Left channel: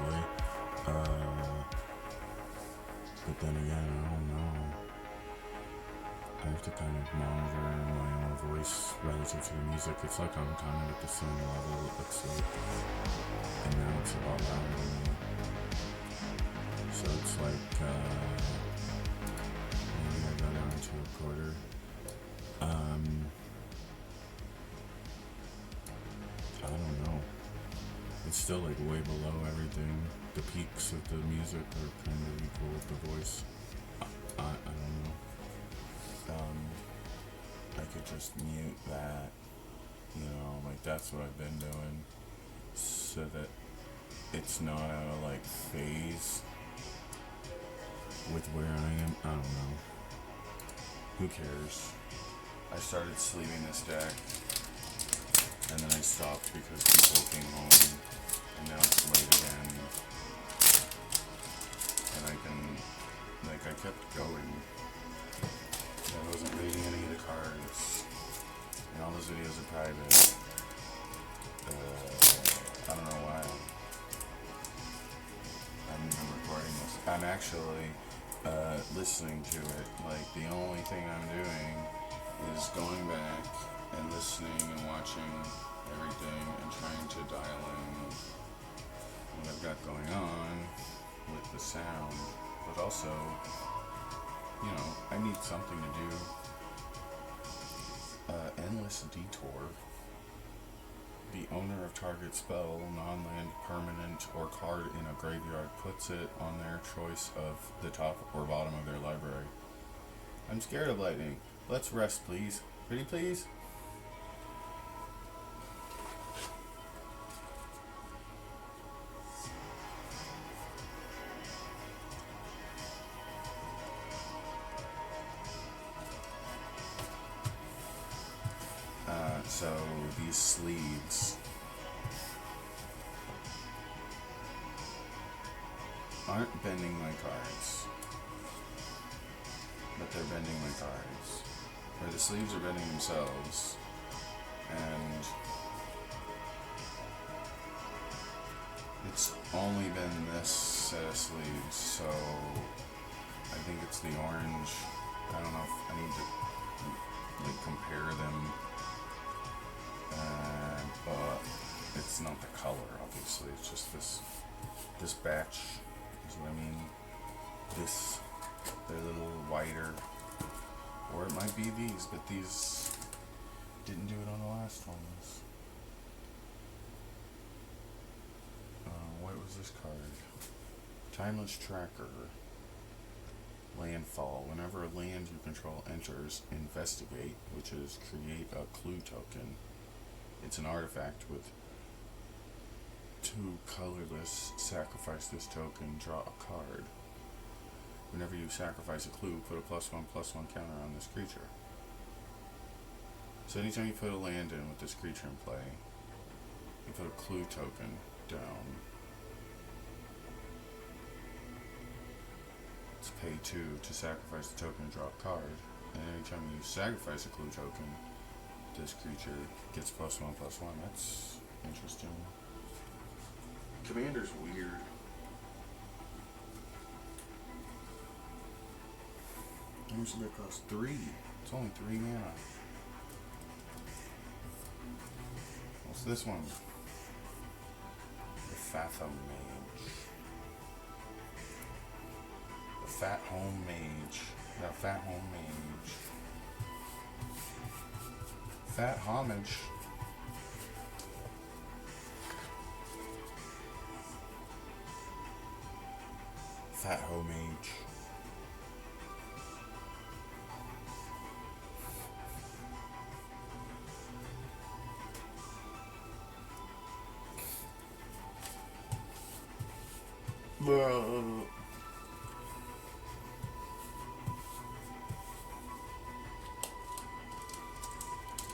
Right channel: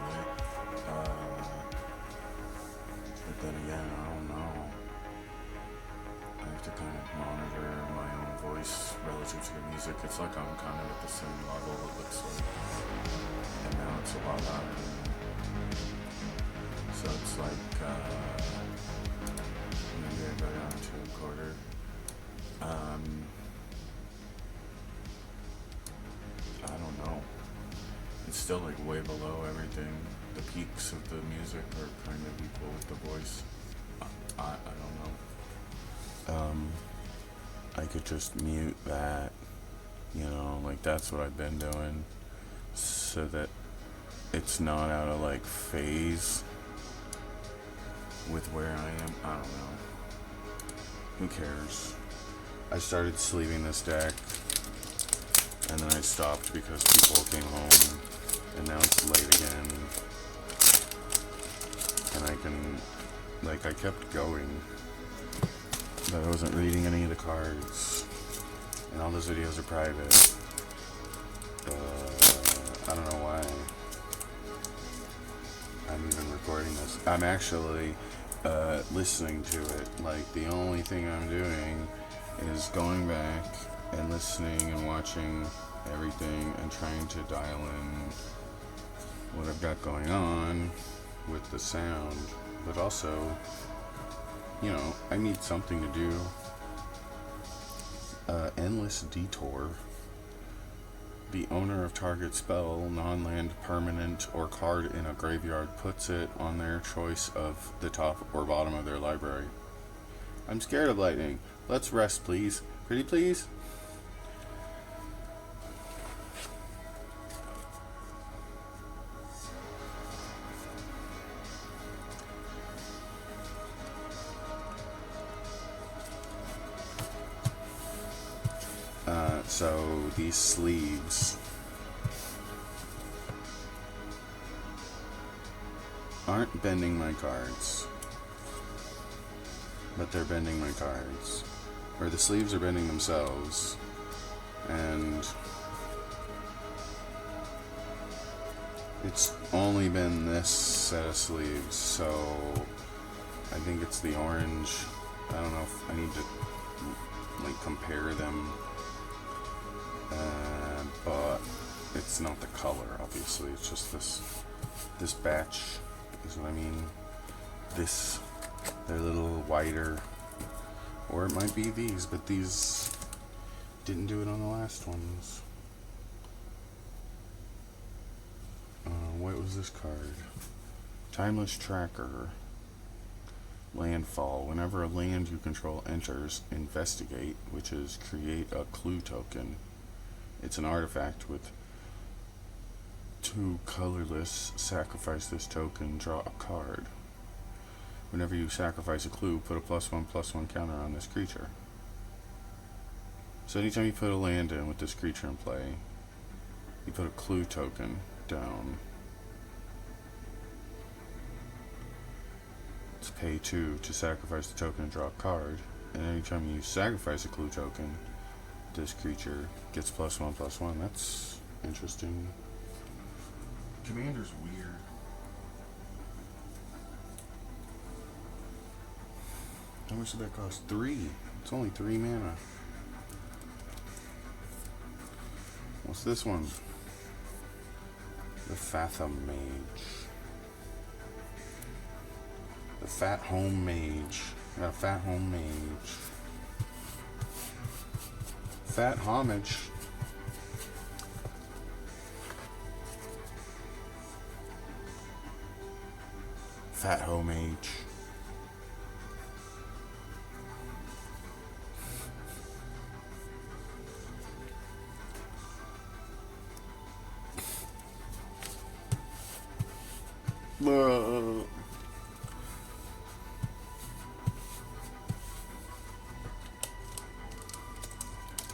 honestly. But then again, I don't know. I have to kind of monitor my own voice relative to the music. It's like I'm kind of at the same level, it looks like. And now it's a lot louder than me. So it's like, maybe I go down to a quarter. Um, I don't know. It's still like way below everything. The peaks of the music are kind of equal with the voice. I don't know. I could just mute that, like that's what I've been doing, so that it's not out of like phase with where I am. I don't know. Who cares? I started sleeving this deck, and then I stopped because people came home, and now it's late again. And I kept going, but I wasn't reading any of the cards, and all those videos are private. I don't know why I'm even recording this. I'm actually listening to it. Like, the only thing I'm doing is going back and listening and watching everything and trying to dial in what I've got going on with the sound, but also, I need something to do. Endless Detour. The owner of target spell, non-land, permanent, or card in a graveyard puts it on their choice of the top or bottom of their library. I'm scared of lightning. Let's rest, please. Pretty please? So these sleeves aren't bending my cards, but they're bending my cards. Or the sleeves are bending themselves, and it's only been this set of sleeves, so I think it's the orange. I don't know if I need to compare them. But it's not the color, obviously. It's just this batch is what I mean. They're a little whiter, or it might be these, but these didn't do it on the last ones. What was this card? Timeless Tracker. Landfall. Whenever a land you control enters, investigate, which is create a clue token. It's an artifact with 2 colorless. Sacrifice this token, draw a card. Whenever you sacrifice a clue, put a +1/+1 counter on this creature. So anytime you put a land in with this creature in play, you put a clue token down. It's pay 2 to sacrifice the token and draw a card. And anytime you sacrifice a clue token, this creature gets +1/+1. That's interesting. Commander's weird. How much did that cost? 3. It's only 3 mana. What's this one? The Fathom Mage. The Fat Home Mage. I got a Fat Home Mage. Fat Homage. Fat Homage.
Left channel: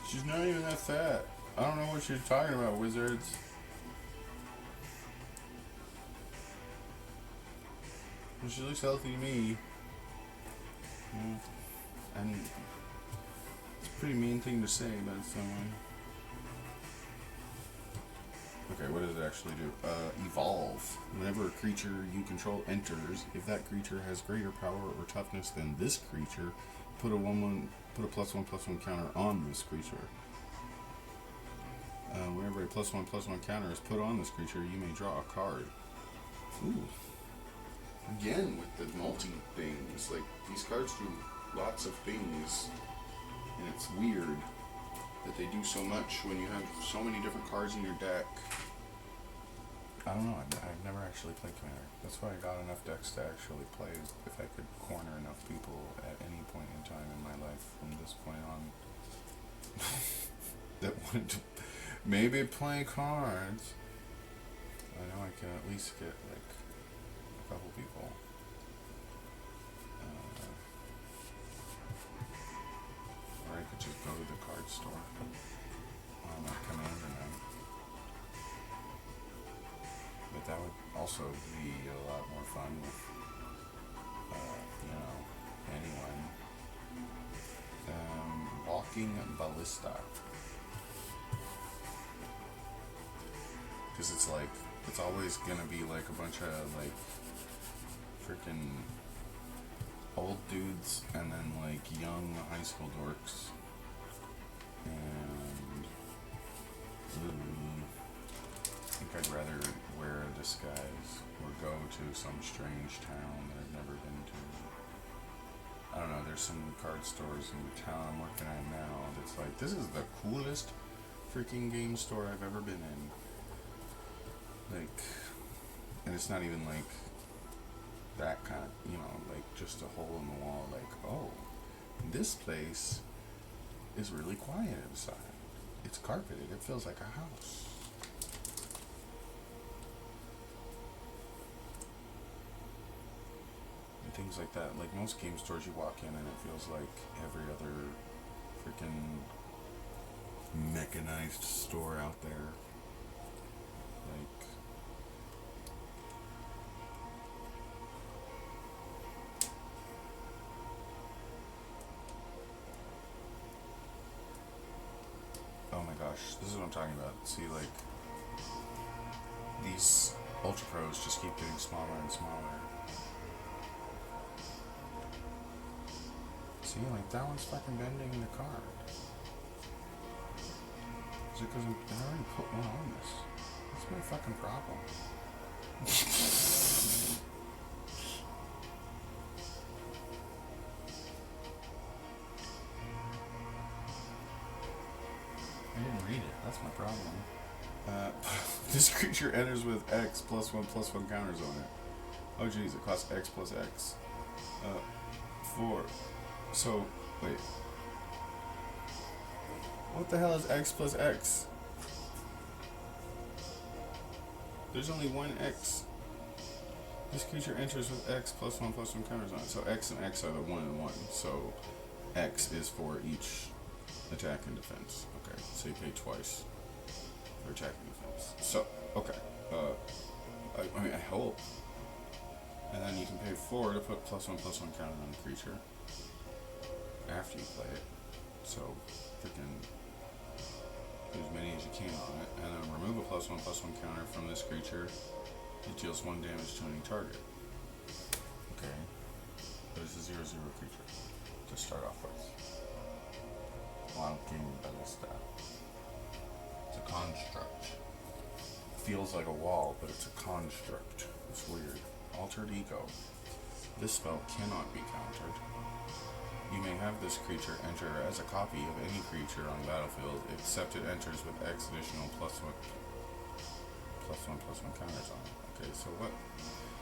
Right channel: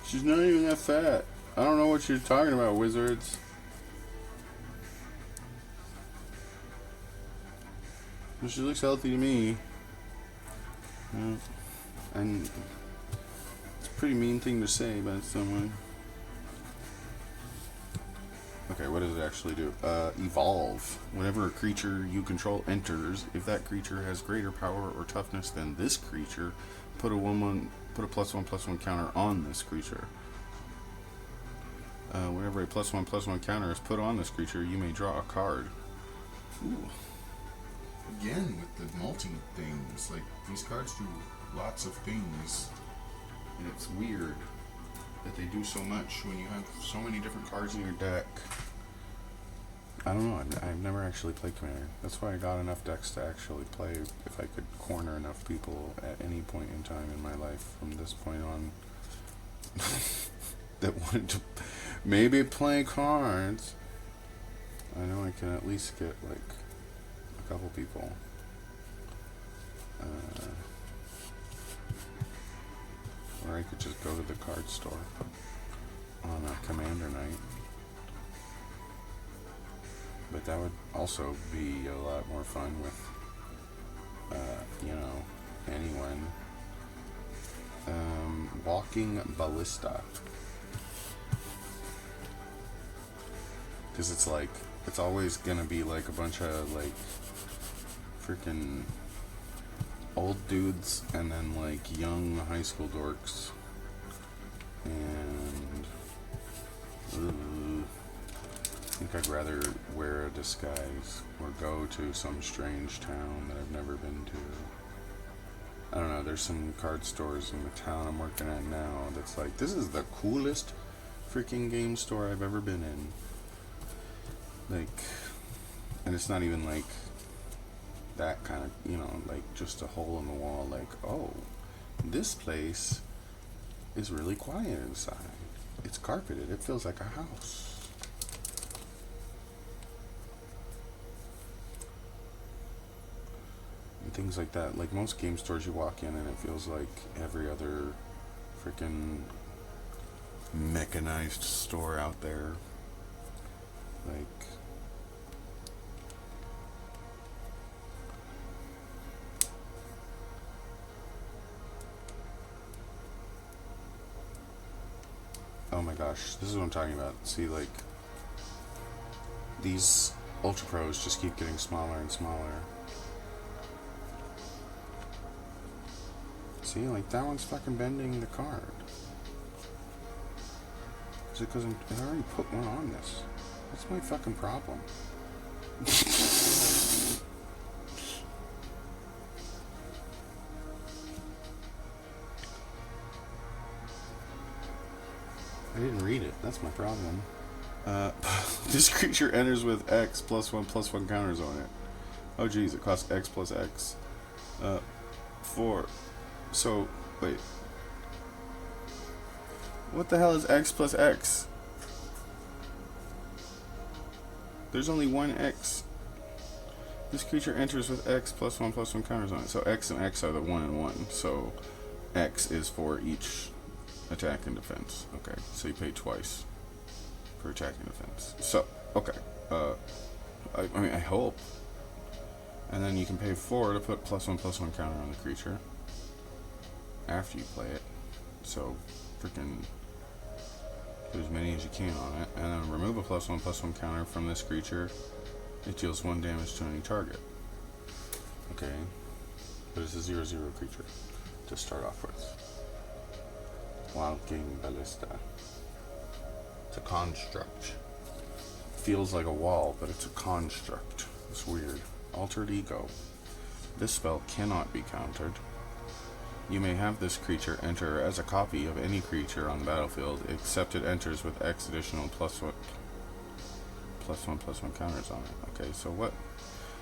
She's not even that fat. I don't know what you're talking about, wizards. Well, she looks healthy to me. Yeah. And it's a pretty mean thing to say, but it's someone. A Okay, what does it actually do? Evolve. Whenever a creature you control enters, if that creature has greater power or toughness than this creature, put a +1/+1 counter on this creature. Whenever a +1/+1 counter is put on this creature, you may draw a card. Ooh. Again with the multi things. Like, these cards do lots of things. And it's weird that they do so much when you have so many different cards in your deck. I don't know. I've never actually played Commander. That's why I got enough decks to actually play if I could corner enough people at any point in time in my life from this point on that wanted to maybe play cards. I know I can at least get like a couple people. Or I could just go to the card store on a Commander night. But that would also be a lot more fun with, anyone. Walking Ballista. Because it's like, it's always gonna be like a bunch of like freaking old dudes and then like young high school dorks. And I think I'd rather wear a disguise or go to some strange town that I've never been to. I don't know, there's some card stores in the town I'm working at now that's like, this is the coolest freaking game store I've ever been in. Like, and it's not even like that kind of, like just a hole in the wall, like, oh, this place is really quiet inside. It's carpeted, it feels like a house. And things like that. Like most game stores you walk in and it feels like every other freaking mechanized store out there. Like, oh my gosh, this is what I'm talking about. See, like, these Ultra Pros just keep getting smaller and smaller. See, like, that one's fucking bending the card. Is it because I already put one on this? What's my fucking problem? I didn't read it. That's my problem. This creature enters with X +1/+1 counters on it. Oh geez, it costs X plus X. 4. So, wait. What the hell is X plus X? There's only one X. This creature enters with X +1/+1 counters on it. So X and X are the 1 and 1. So X is for each attack and defense. Okay, so you pay twice for attack and defense. So, okay. I mean, I hope. And then you can pay 4 to put +1/+1 counter on the creature after you play it. So, freaking do as many as you can on it. And then remove a +1/+1 counter from this creature. It deals 1 damage to any target. Okay. But it's a 0/0 creature to start off with. Walking Ballista. It's a construct. Feels like a wall, but it's a construct. It's weird. Altered Ego. This spell cannot be countered. You may have this creature enter as a copy of any creature on the battlefield, except it enters with X additional +1/+1 counters on it. Okay, so what?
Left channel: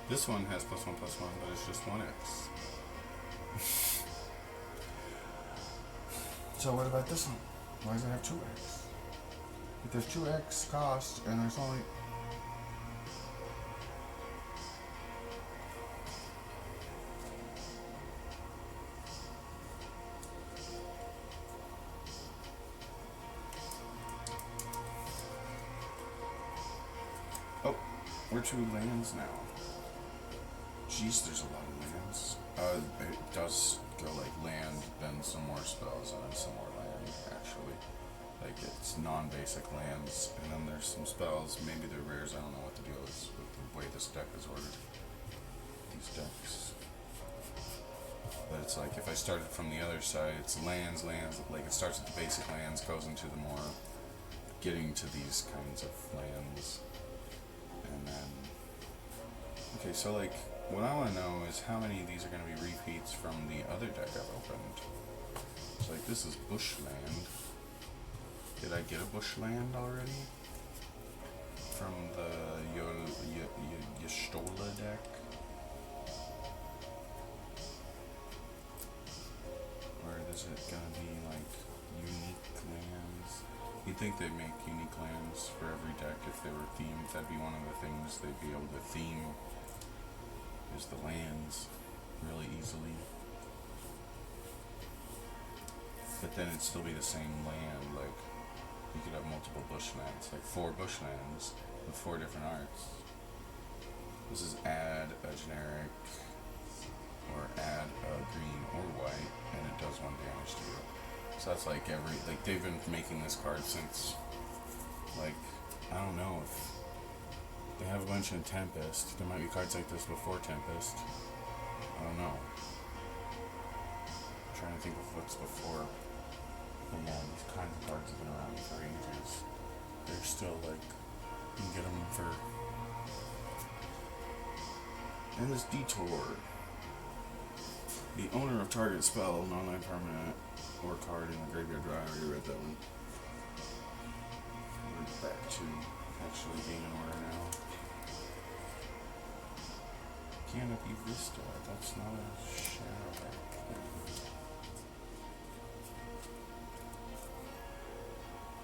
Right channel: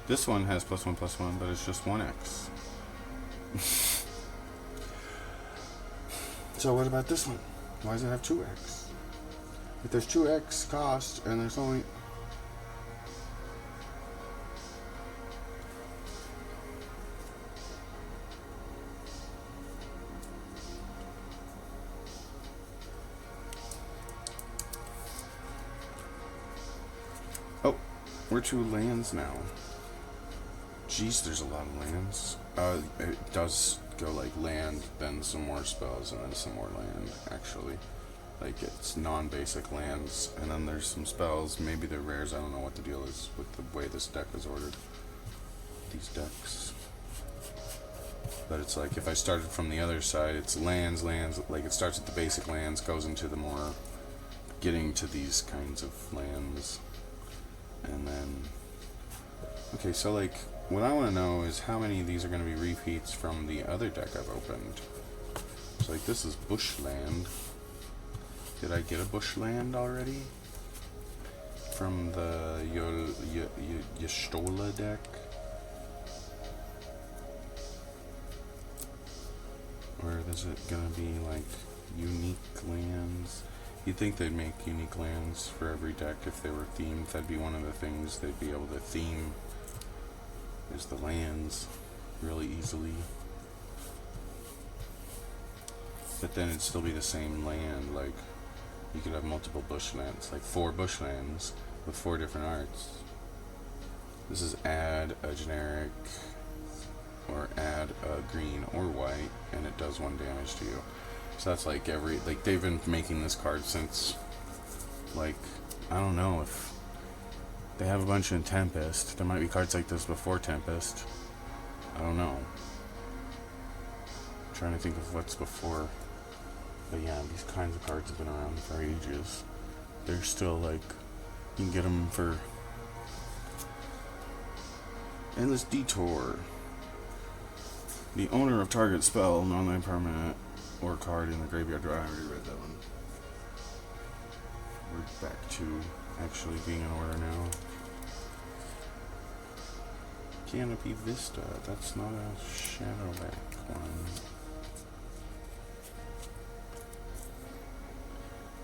This one has +1/+1, but it's just 1X. So what about this one? Why does it have 2X? If there's 2X cost and there's only... Oh, we're 2 lands now. Jeez, there's a lot of lands. It does go like land, then some more spells, and then some more land, actually. Like it's non-basic lands, and then there's some spells. Maybe they're rares. I don't know what the deal is with the way this deck is ordered. These decks. But it's like if I started from the other side, it's lands. Like it starts with the basic lands, goes into the more getting to these kinds of lands, and then okay. So like what I want to know is how many of these are going to be repeats from the other deck I've opened. So like this is bushland. Did I get a bushland already from the Y'shtola deck? Or is it gonna be like unique lands? You'd think they'd make unique lands for every deck if they were themed. That'd be one of the things they'd be able to theme, is the lands really easily. But then it'd still be the same land. Like you could have multiple bushlands, like 4 bushlands with 4 different arts. This is add a generic or add a green or white, and it does 1 damage to you. So that's like they've been making this card since, like, I don't know if they have a bunch in Tempest. There might be cards like this before Tempest. I don't know. I'm trying to think of what's before. But yeah, these kinds of cards have been around for ages. They're still like, you can get them for Endless Detour. The owner of target spell, non-land permanent, or card in the graveyard. I already read that one. We're back to actually being in order now. Canopy Vista. That's not a Shadowback one.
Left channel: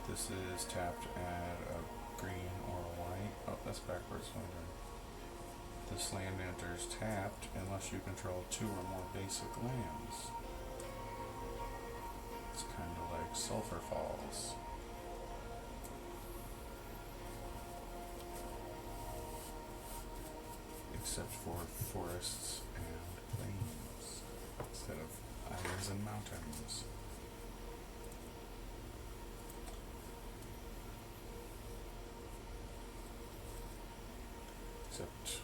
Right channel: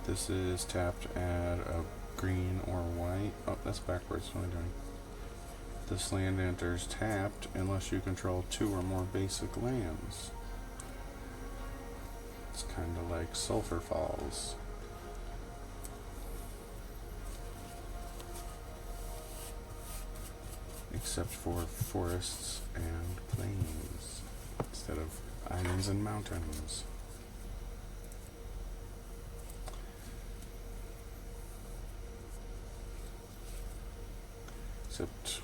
This is tapped, add a green or white. Oh, that's backwards. What am I doing? This land enters tapped unless you control 2 or more basic lands. It's kind of like Sulphur Falls. Except for forests and plains instead of islands and mountains. Except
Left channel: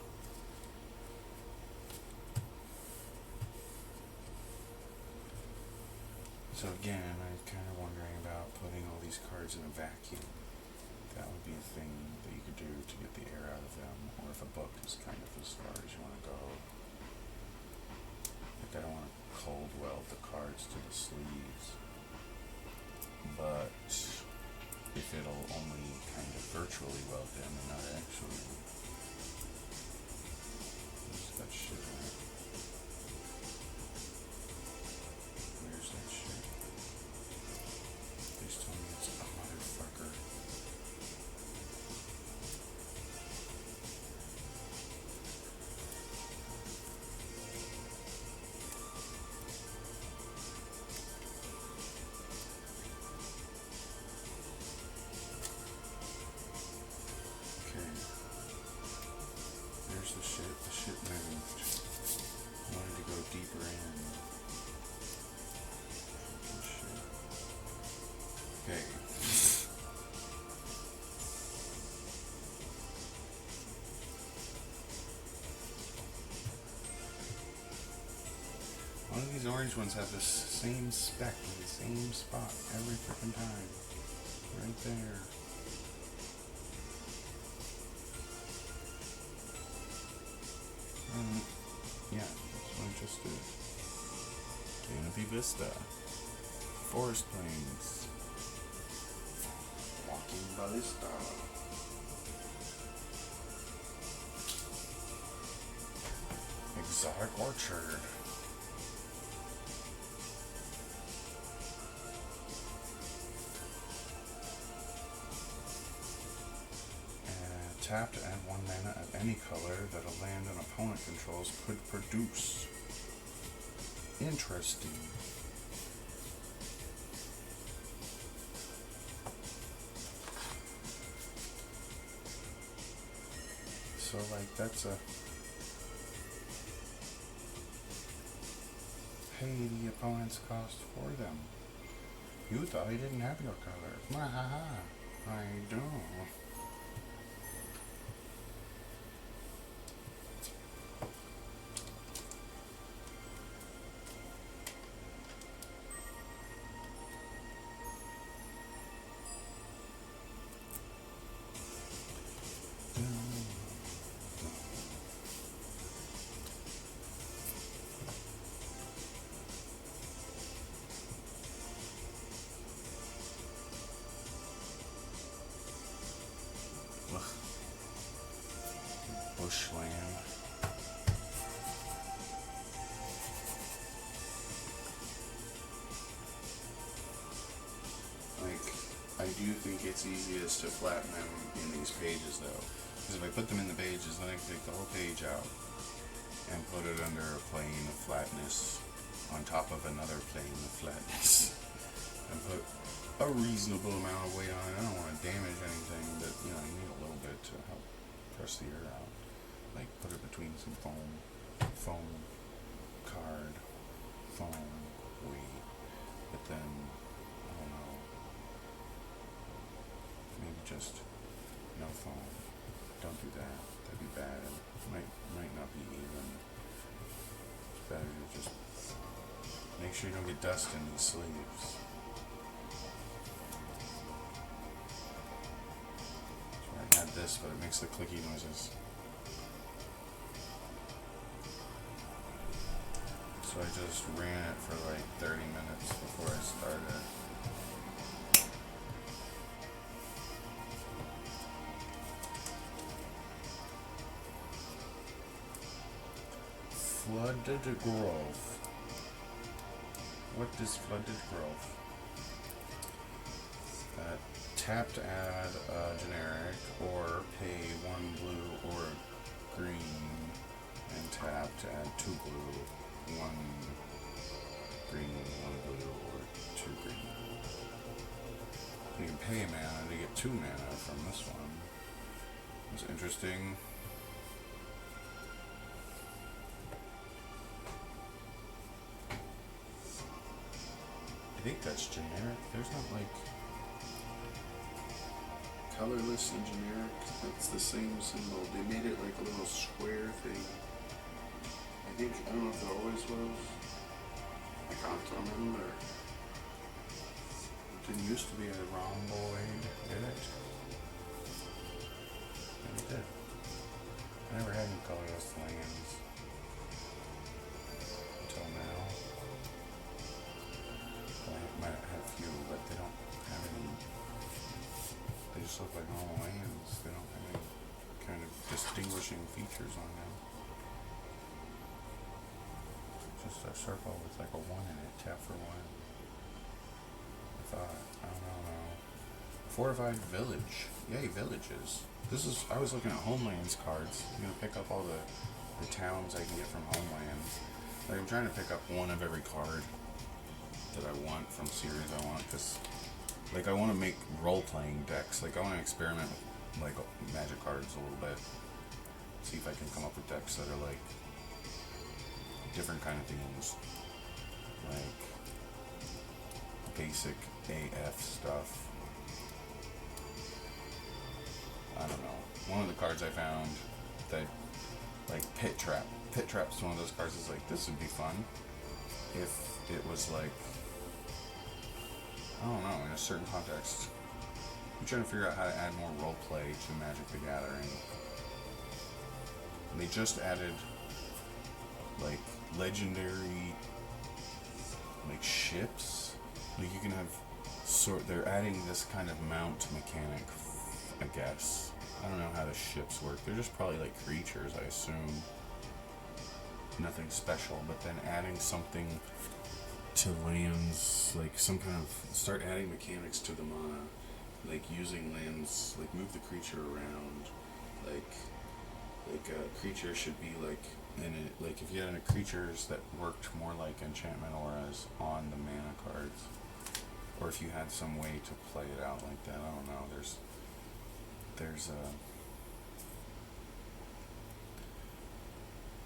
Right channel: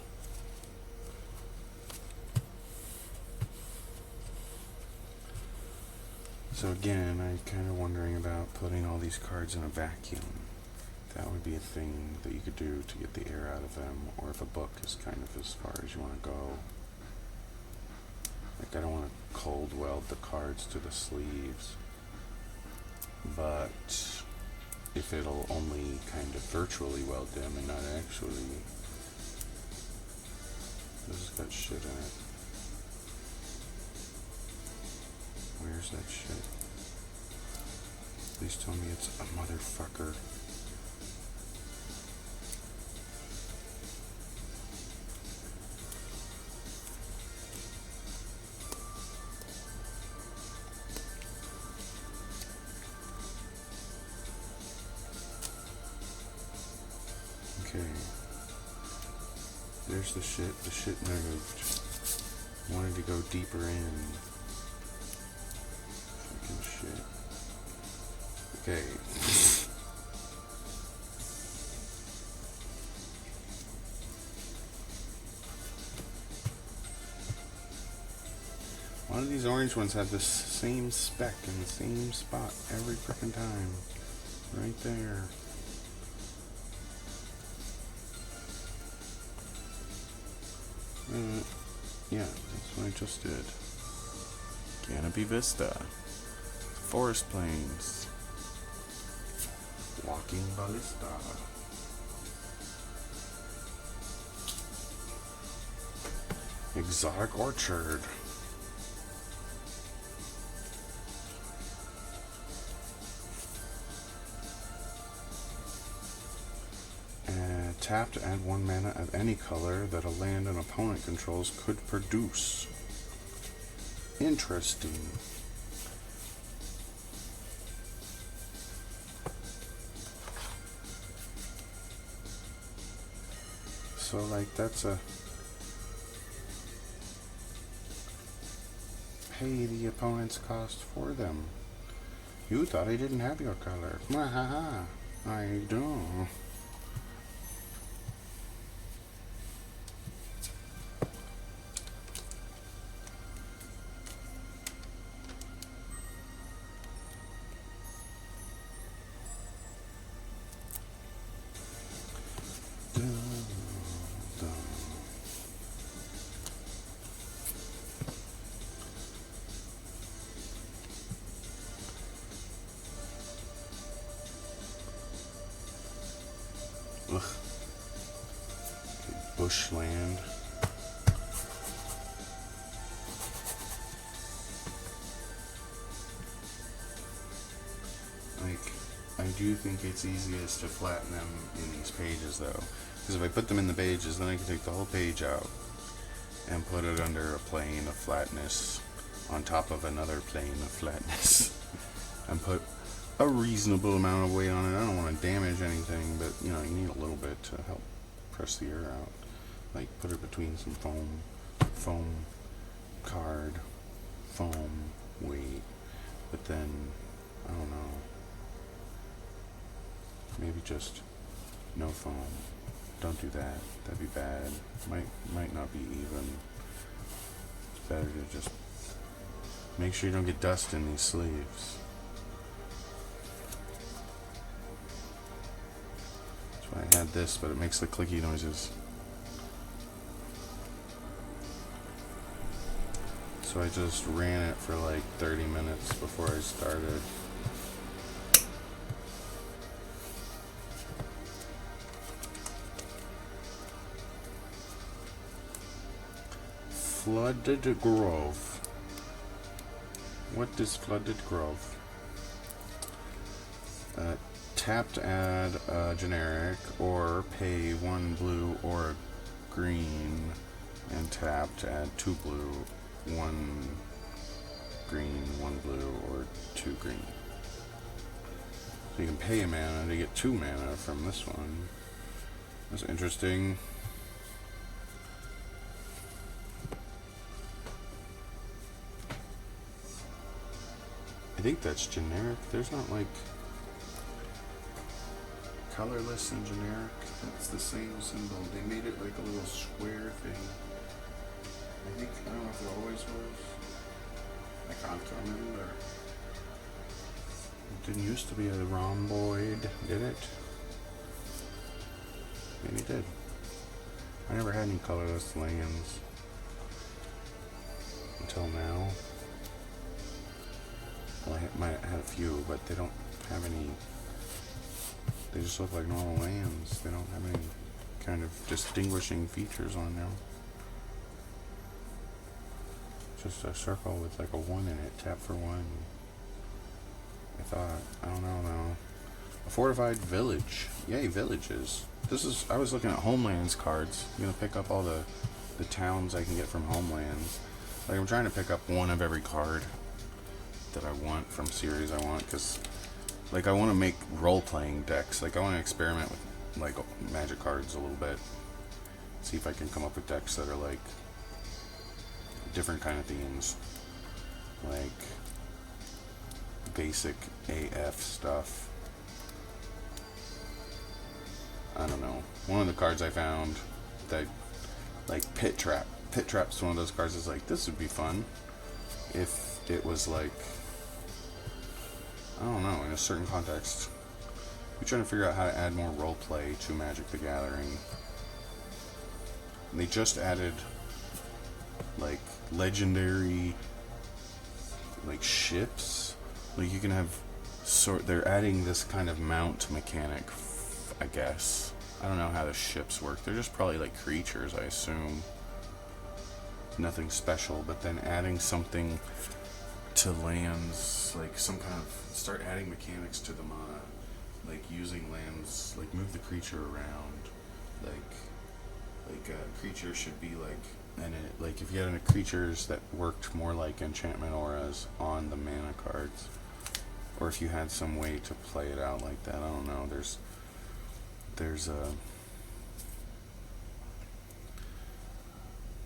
so again, I'm kind of wondering about putting all these cards in a vacuum. That would be a thing that you could do to get the air out of them, or if a book is kind of as far as you want to go. Like I don't want to cold weld the cards to the sleeves, but if it'll only kind of virtually weld them and not actually, this has got shit in it. Where's that shit? Please tell me it's a motherfucker. Okay. There's the shit. The shit moved. Wanted to go deeper in. Shit. Okay. One of these orange ones have the same spec in the same spot every freaking time. Right there. Yeah, that's what I just did. Canopy Vista. Forest Plains. Walking Ballista. Exotic Orchard. Tap to add 1 mana of any color that a land an opponent controls could produce. Interesting. So like that's a pay the opponent's cost for them. You thought I didn't have your color. Mwahaha. I don't. Ugh. Bushland. Like, I do think it's easiest to flatten them in these pages though. Because if I put them in the pages, then I can take the whole page out and put it under a plane of flatness on top of another plane of flatness and put a reasonable amount of weight on it. I don't want to damage anything, but you know, you need a little bit to help press the air out. Like put it between some foam card, foam weight, but then I don't know, maybe just no foam. Don't do that. That'd be bad. Might not be even. It's better to just make sure you don't get dust in these sleeves. That's why I had this, but it makes the clicky noises. So I just ran it for like 30 minutes before I started. Flooded Grove. What is Flooded Grove? Tap to add a generic, or pay 1 blue or green, and tap to add 2 blue, 1 green, 1 blue, or 2 green. So you can pay a mana to get 2 mana from this one. That's interesting. I think that's generic. There's not like colorless and generic. That's the same symbol. They made it like a little square thing. I think, I don't know if it always was. I can't remember. It didn't used to be a rhomboid, did it? Maybe it did. I never had any colorless lands until now. Well, I might have had a few, but they don't have any. They just look like normal lands. They don't have any kind of distinguishing features on them. Just a circle with like a 1 in it. Tap for 1. I thought. I don't know now. A fortified village. Yay, villages. This is. I was looking at Homelands cards. I'm gonna pick up all the towns I can get from Homelands. Like I'm trying to pick up 1 of every card that I want from series I want, because like I want to make role-playing decks. Like I want to experiment with like Magic cards a little bit, see if I can come up with decks that are like different kind of themes, like basic AF stuff. I don't know. One of the cards I found that, like Pit Trap. Pit Trap's one of those cards that's like, this would be fun if it was like, I don't know, in a certain context. We're trying to figure out how to add more roleplay to Magic the Gathering. They just added like legendary like ships. Like you can have they're adding this kind of mount mechanic, I guess. I don't know how the ships work. They're just probably like creatures, I assume. Nothing special, but then adding something to lands, like some kind of, start adding mechanics to the mana, like using lands, like move the creature around, like a creature should be like, and it, like if you had any creatures that worked more like enchantment auras on the mana cards, or if you had some way to play it out like that, I don't know, there's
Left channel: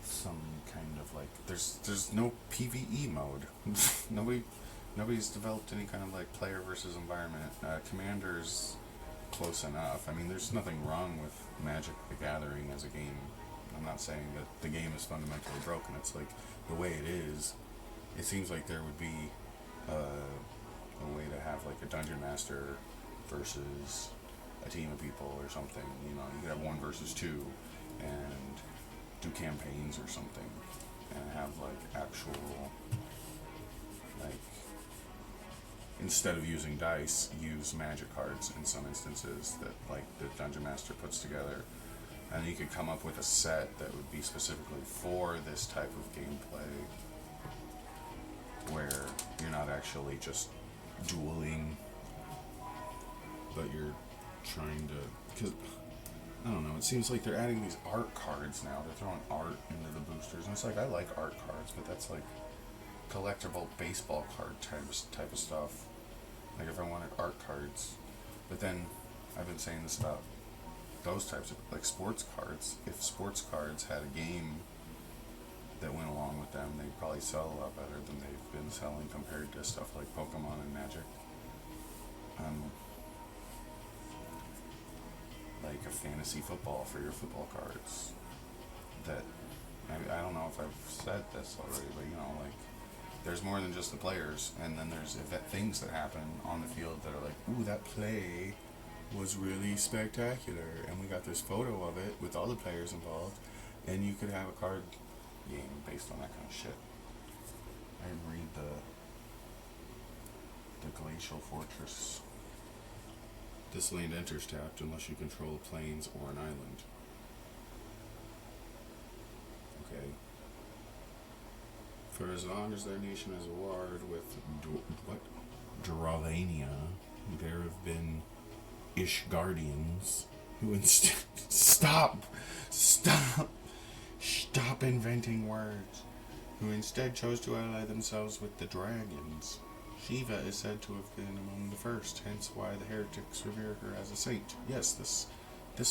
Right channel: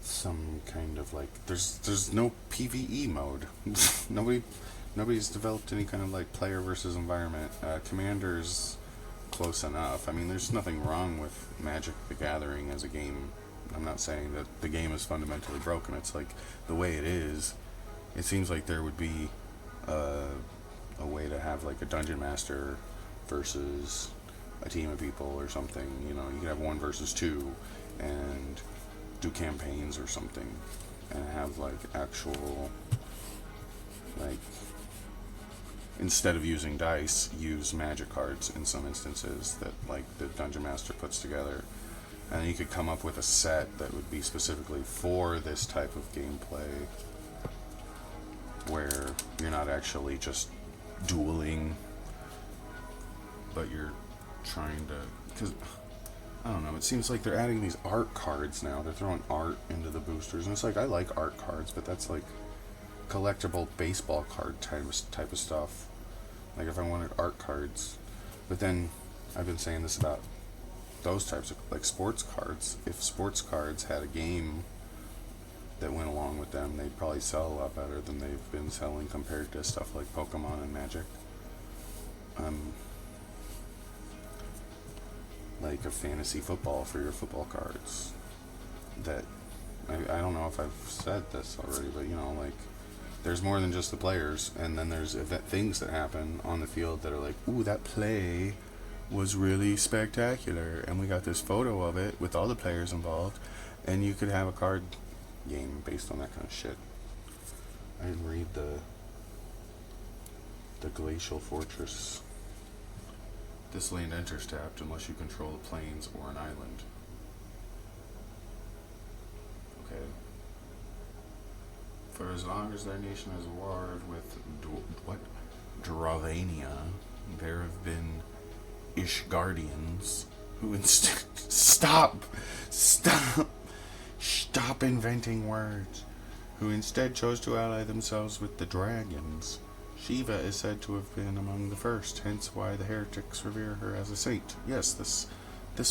some kind of like, there's no PvE mode. Nobody Nobody's developed any kind of like player versus environment. Commander's close enough. I mean, there's nothing wrong with Magic the Gathering as a game. I'm not saying that the game is fundamentally broken. It's like the way it is. It seems like there would be a way to have like a dungeon master versus a team of people or something. You know, you could have 1 versus 2 and do campaigns or something, and have like actual, like, instead of using dice, use magic cards in some instances that like the dungeon master puts together, and you could come up with a set that would be specifically for this type of gameplay, where you're not actually just dueling, but you're trying to, because I don't know, it seems like they're adding these art cards now. They're throwing art into the boosters, and it's like, I like art cards, but that's like collectible baseball card type of stuff. Like if I wanted art cards, but then I've been saying this about those types of like sports cards. If sports cards had a game that went along with them, they'd probably sell a lot better than they've been selling compared to stuff like Pokemon and Magic. Like a fantasy football for your football cards. That I don't know if I've said this already, but you know, like, there's more than just the players, and then there's things that happen on the field that are like, ooh, that play was really spectacular, and we got this photo of it with all the players involved, and you could have a card game based on that kind of shit. I didn't read the Glacial Fortress. This land enters tapped unless you control the plains or an island. Okay. For as long as their nation is warred with Dravania, there have been Ishgardians who instead stop inventing words. Who instead chose to ally themselves with the dragons. Shiva is said to have been among the first, hence why the heretics revere her as a saint. Yes, this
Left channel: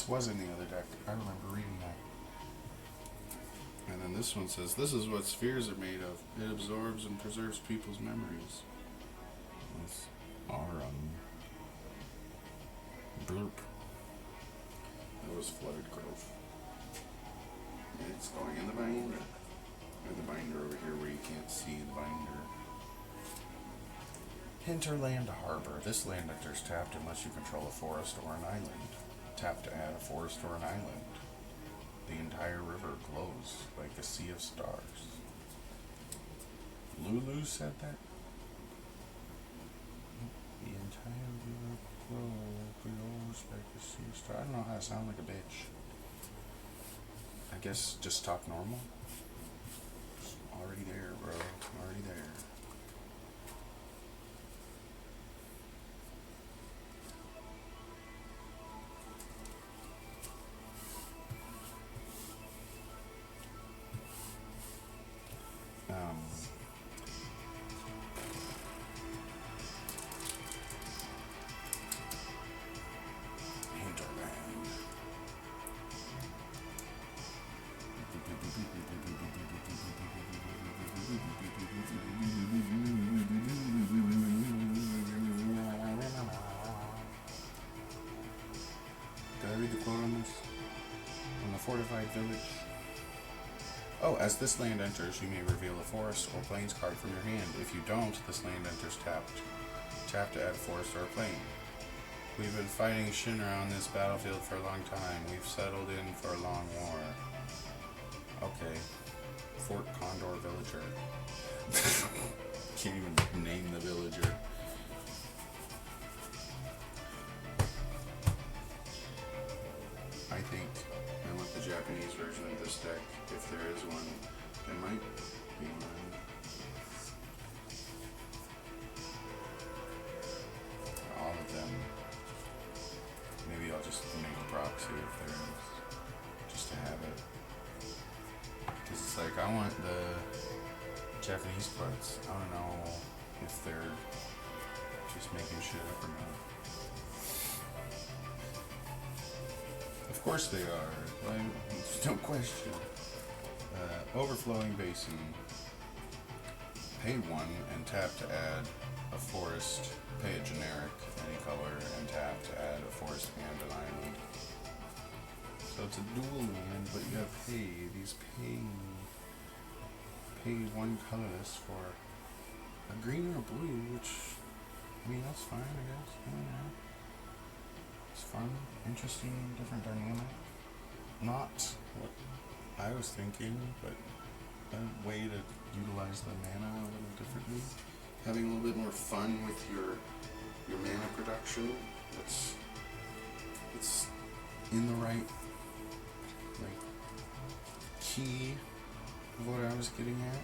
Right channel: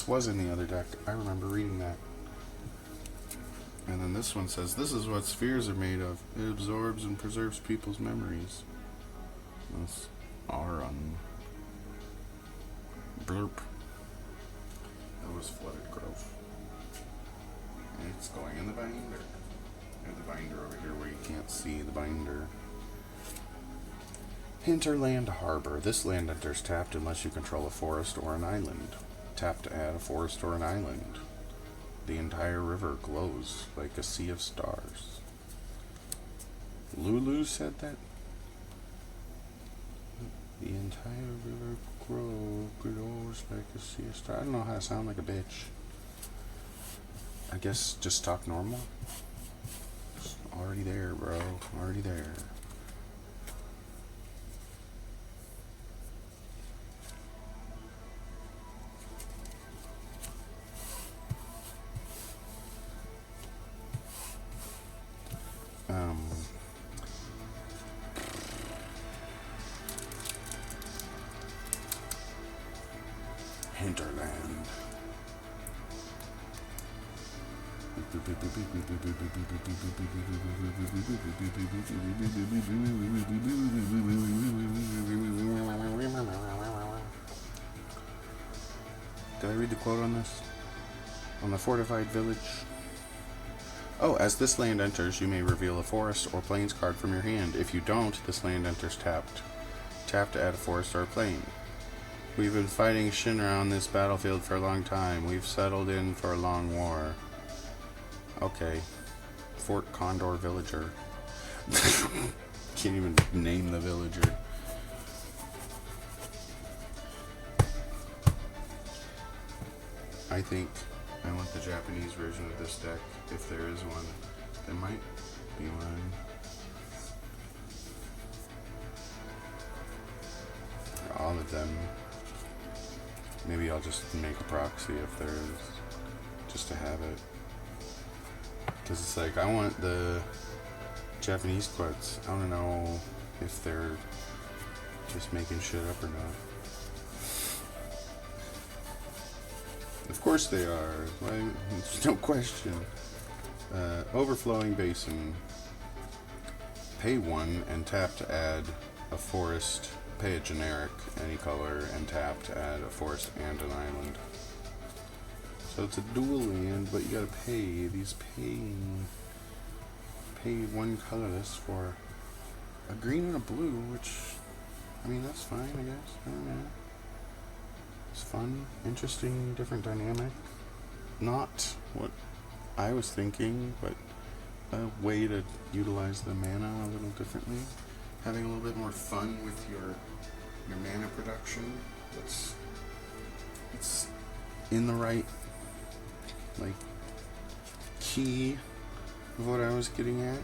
was in the other deck. I remember reading that. And then this one says, this is what spheres are made of. It absorbs and preserves people's memories. That's Arum. Blurp. That was Flooded Grove. And it's going in the binder. I have the binder over here where you can't see the binder. Hinterland Harbor. This land enters tapped unless you control a forest or an island. Tap to add a forest or an island. The entire river glows like a sea of stars. Lulu said that? The entire river glows like a sea of stars. I don't know how to sound like a bitch. I guess just talk normal. Just already there, bro. Already there. Hinterland. Did I read the quote on this? On the fortified village? Oh, as this land enters, you may reveal a forest or plains card from your hand. If you don't, this land enters tapped. Tap to add a forest or a plain. We've been fighting Shinra on this battlefield for a long time. We've settled in for a long war. Okay. Fort Condor Villager. Can't even name the villager. I think I want the Japanese version of this deck, if there is one. There might be one. All of them. Maybe I'll just make a proxy if there is, just to have it. Because it's like, I want the Japanese quotes. I want to know if they're just making shit up or not. Of course they are. Right? There's no question. Overflowing Basin. Pay 1 and tap to add a forest, pay a generic, any color, and tap to add a forest and an island. So it's a dual land, but you gotta pay. These pay one colorless for a green and a blue, which, I mean, that's fine, I guess. I don't know. It's fun, interesting, different dynamic. Not what I was thinking, but a way to utilize the mana a little differently. Having a little bit more fun with your mana production. It's in the right like key of what I was getting at.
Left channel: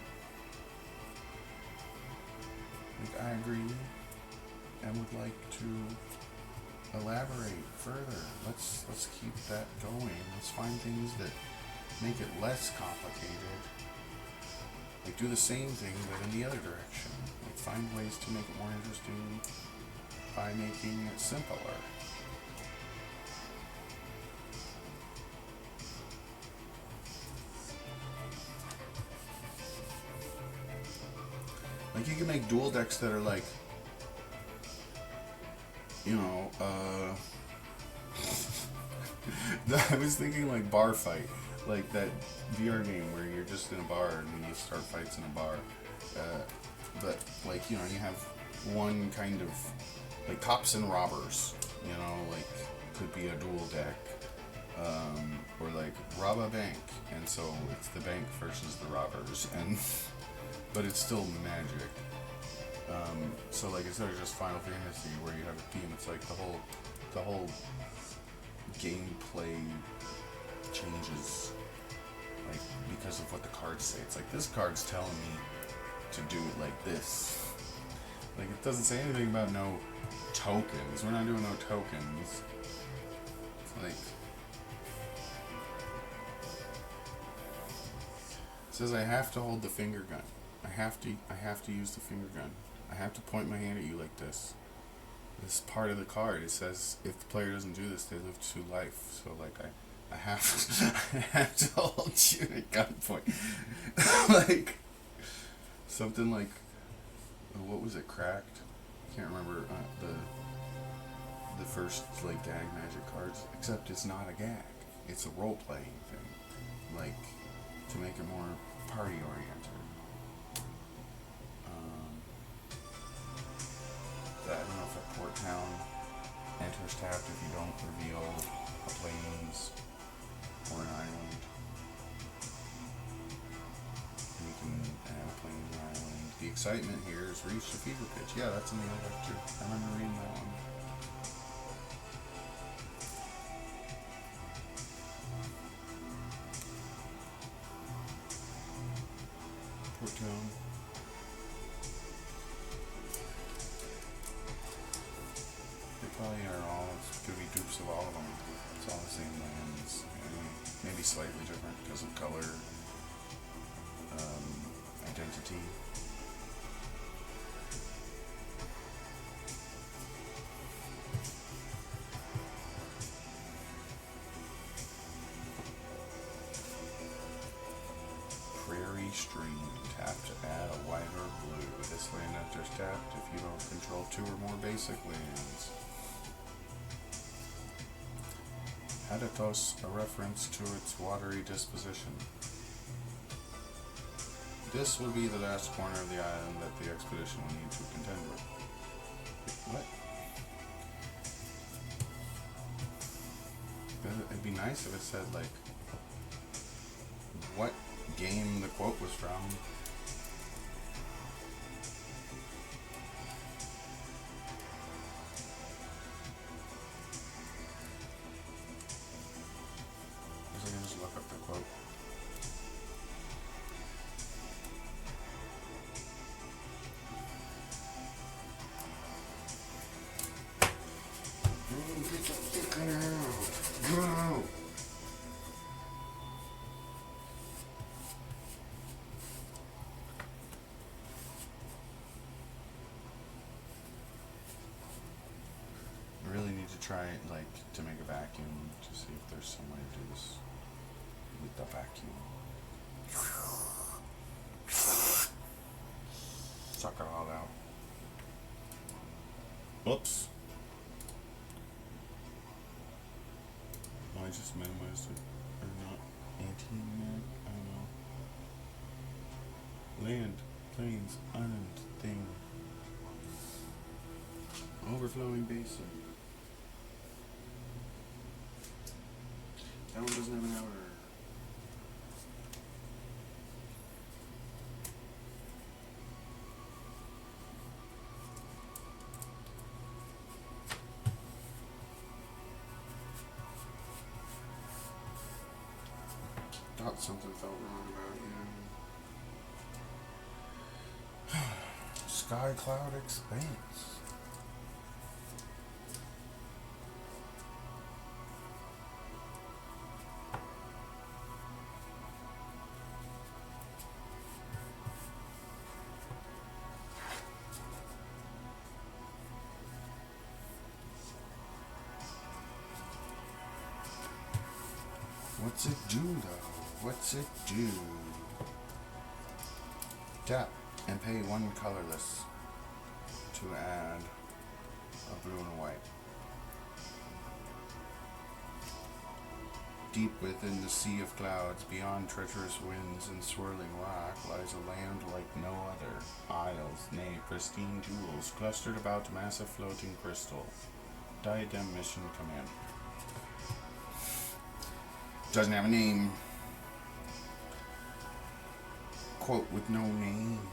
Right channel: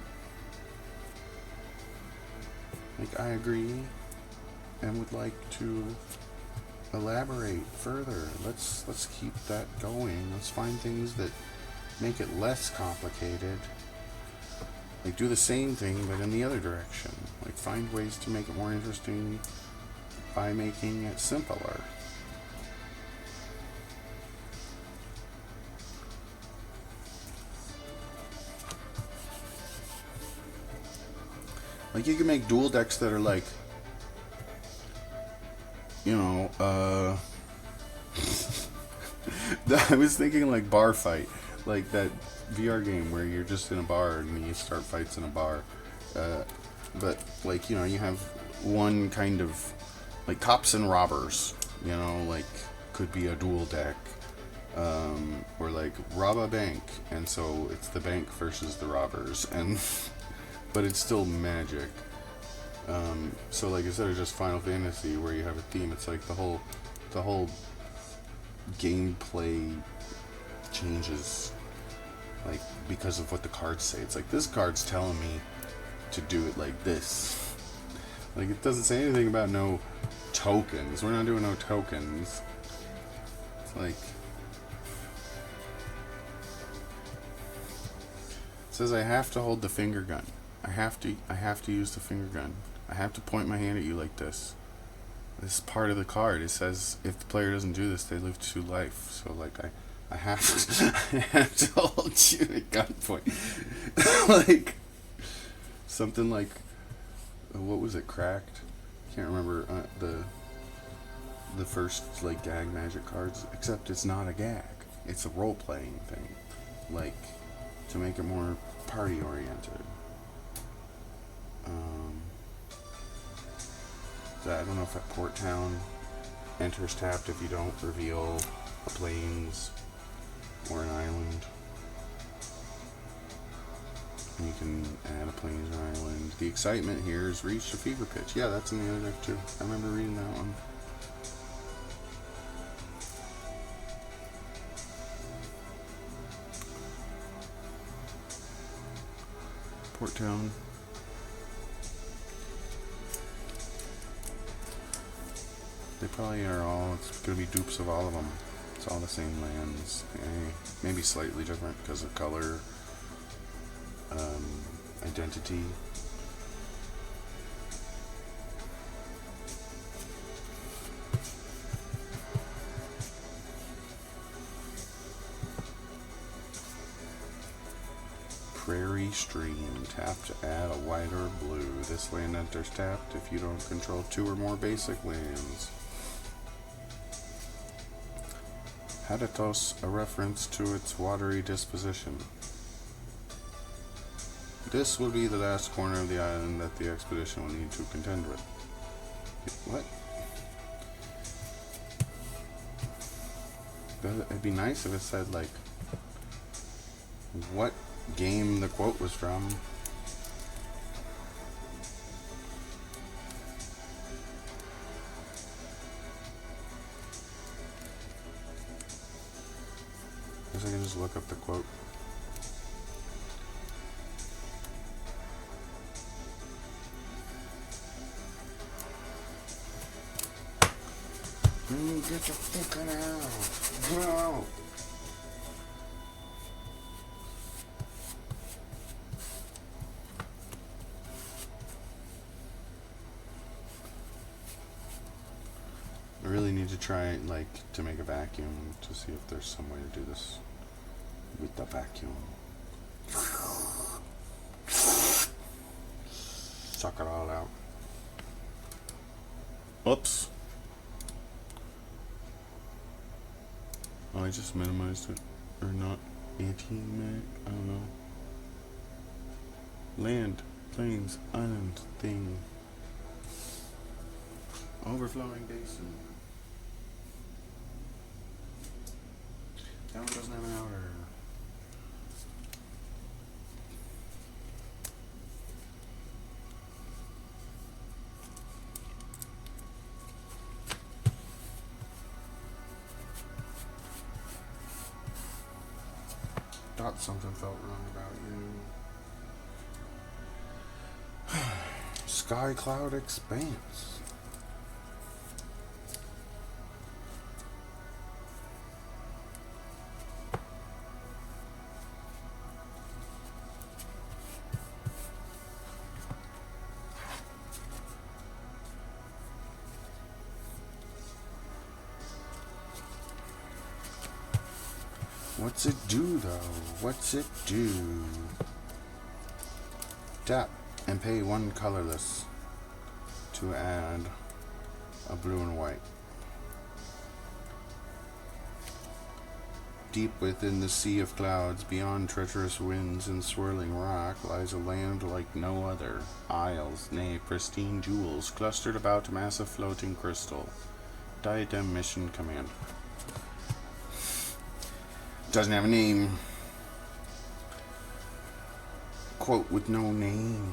Like, I agree and would like to elaborate further. Let's keep that going. Let's find things that make it less complicated. Like, do the same thing but in the other direction. Like, find ways to make it more interesting by making it simpler. Like, you can make dual decks that are like, you know, I was thinking like Bar Fight, like that VR game where you're just in a bar and you start fights in a bar. But like, you know, you have one kind of like cops and robbers, you know, like could be a dual deck. Or like rob a bank, and so it's the bank versus the robbers, and but it's still magic. So like, instead of just Final Fantasy where you have a theme, it's like the whole gameplay changes, like, because of what the cards say. It's like, this card's telling me to do it like this. Like, it doesn't say anything about no tokens. We're not doing no tokens. It's like, it says I have to hold the finger gun. I have to use the finger gun. I have to point my hand at you like this. This is part of the card. It says if the player doesn't do this, they lose 2 life. So like, I have to, I have to hold you at gunpoint. Like, something like, what was it, Cracked? Can't remember the first like gag magic cards. Except it's not a gag. It's a role playing thing. Like, to make it more party oriented. I don't know if at Port Town enters tapped if you don't reveal a plains or an island. And you can add a plains or island. The excitement here is reached a fever pitch. Yeah, that's in the other deck too. I remember reading that one. Port Town. They probably are all, it's going to be dupes of all of them. It's all the same lands. Maybe slightly different because of color, identity. Prairie Stream, tap to add a white or blue. This land enters tapped if you don't control 2 or more basic lands. Hadatos, a reference to its watery disposition. This will be the last corner of the island that the expedition will need to contend with. What? It'd be nice if it said, like, what game the quote was from. I guess I can just look up the quote. Get the fucking out! Get out! I really need to try, like, to make a vacuum to see if there's some way to do this with the vacuum. Suck it all out. Oops. Oh, I just minimized it. Or not. Anti-mag? I don't know. Land, plains, island, thing. Overflowing basin. That one doesn't have an outer. Thought something felt wrong about you. Sky Cloud Expanse. What's it do though? What's it do? Tap and pay one colorless to add a blue and a white. Deep within the sea of clouds, beyond treacherous winds and swirling rock, lies a land like no other. Isles, nay, pristine jewels, clustered about a massive floating crystal. Diadem Mission Command. Doesn't have a name. Quote with no name.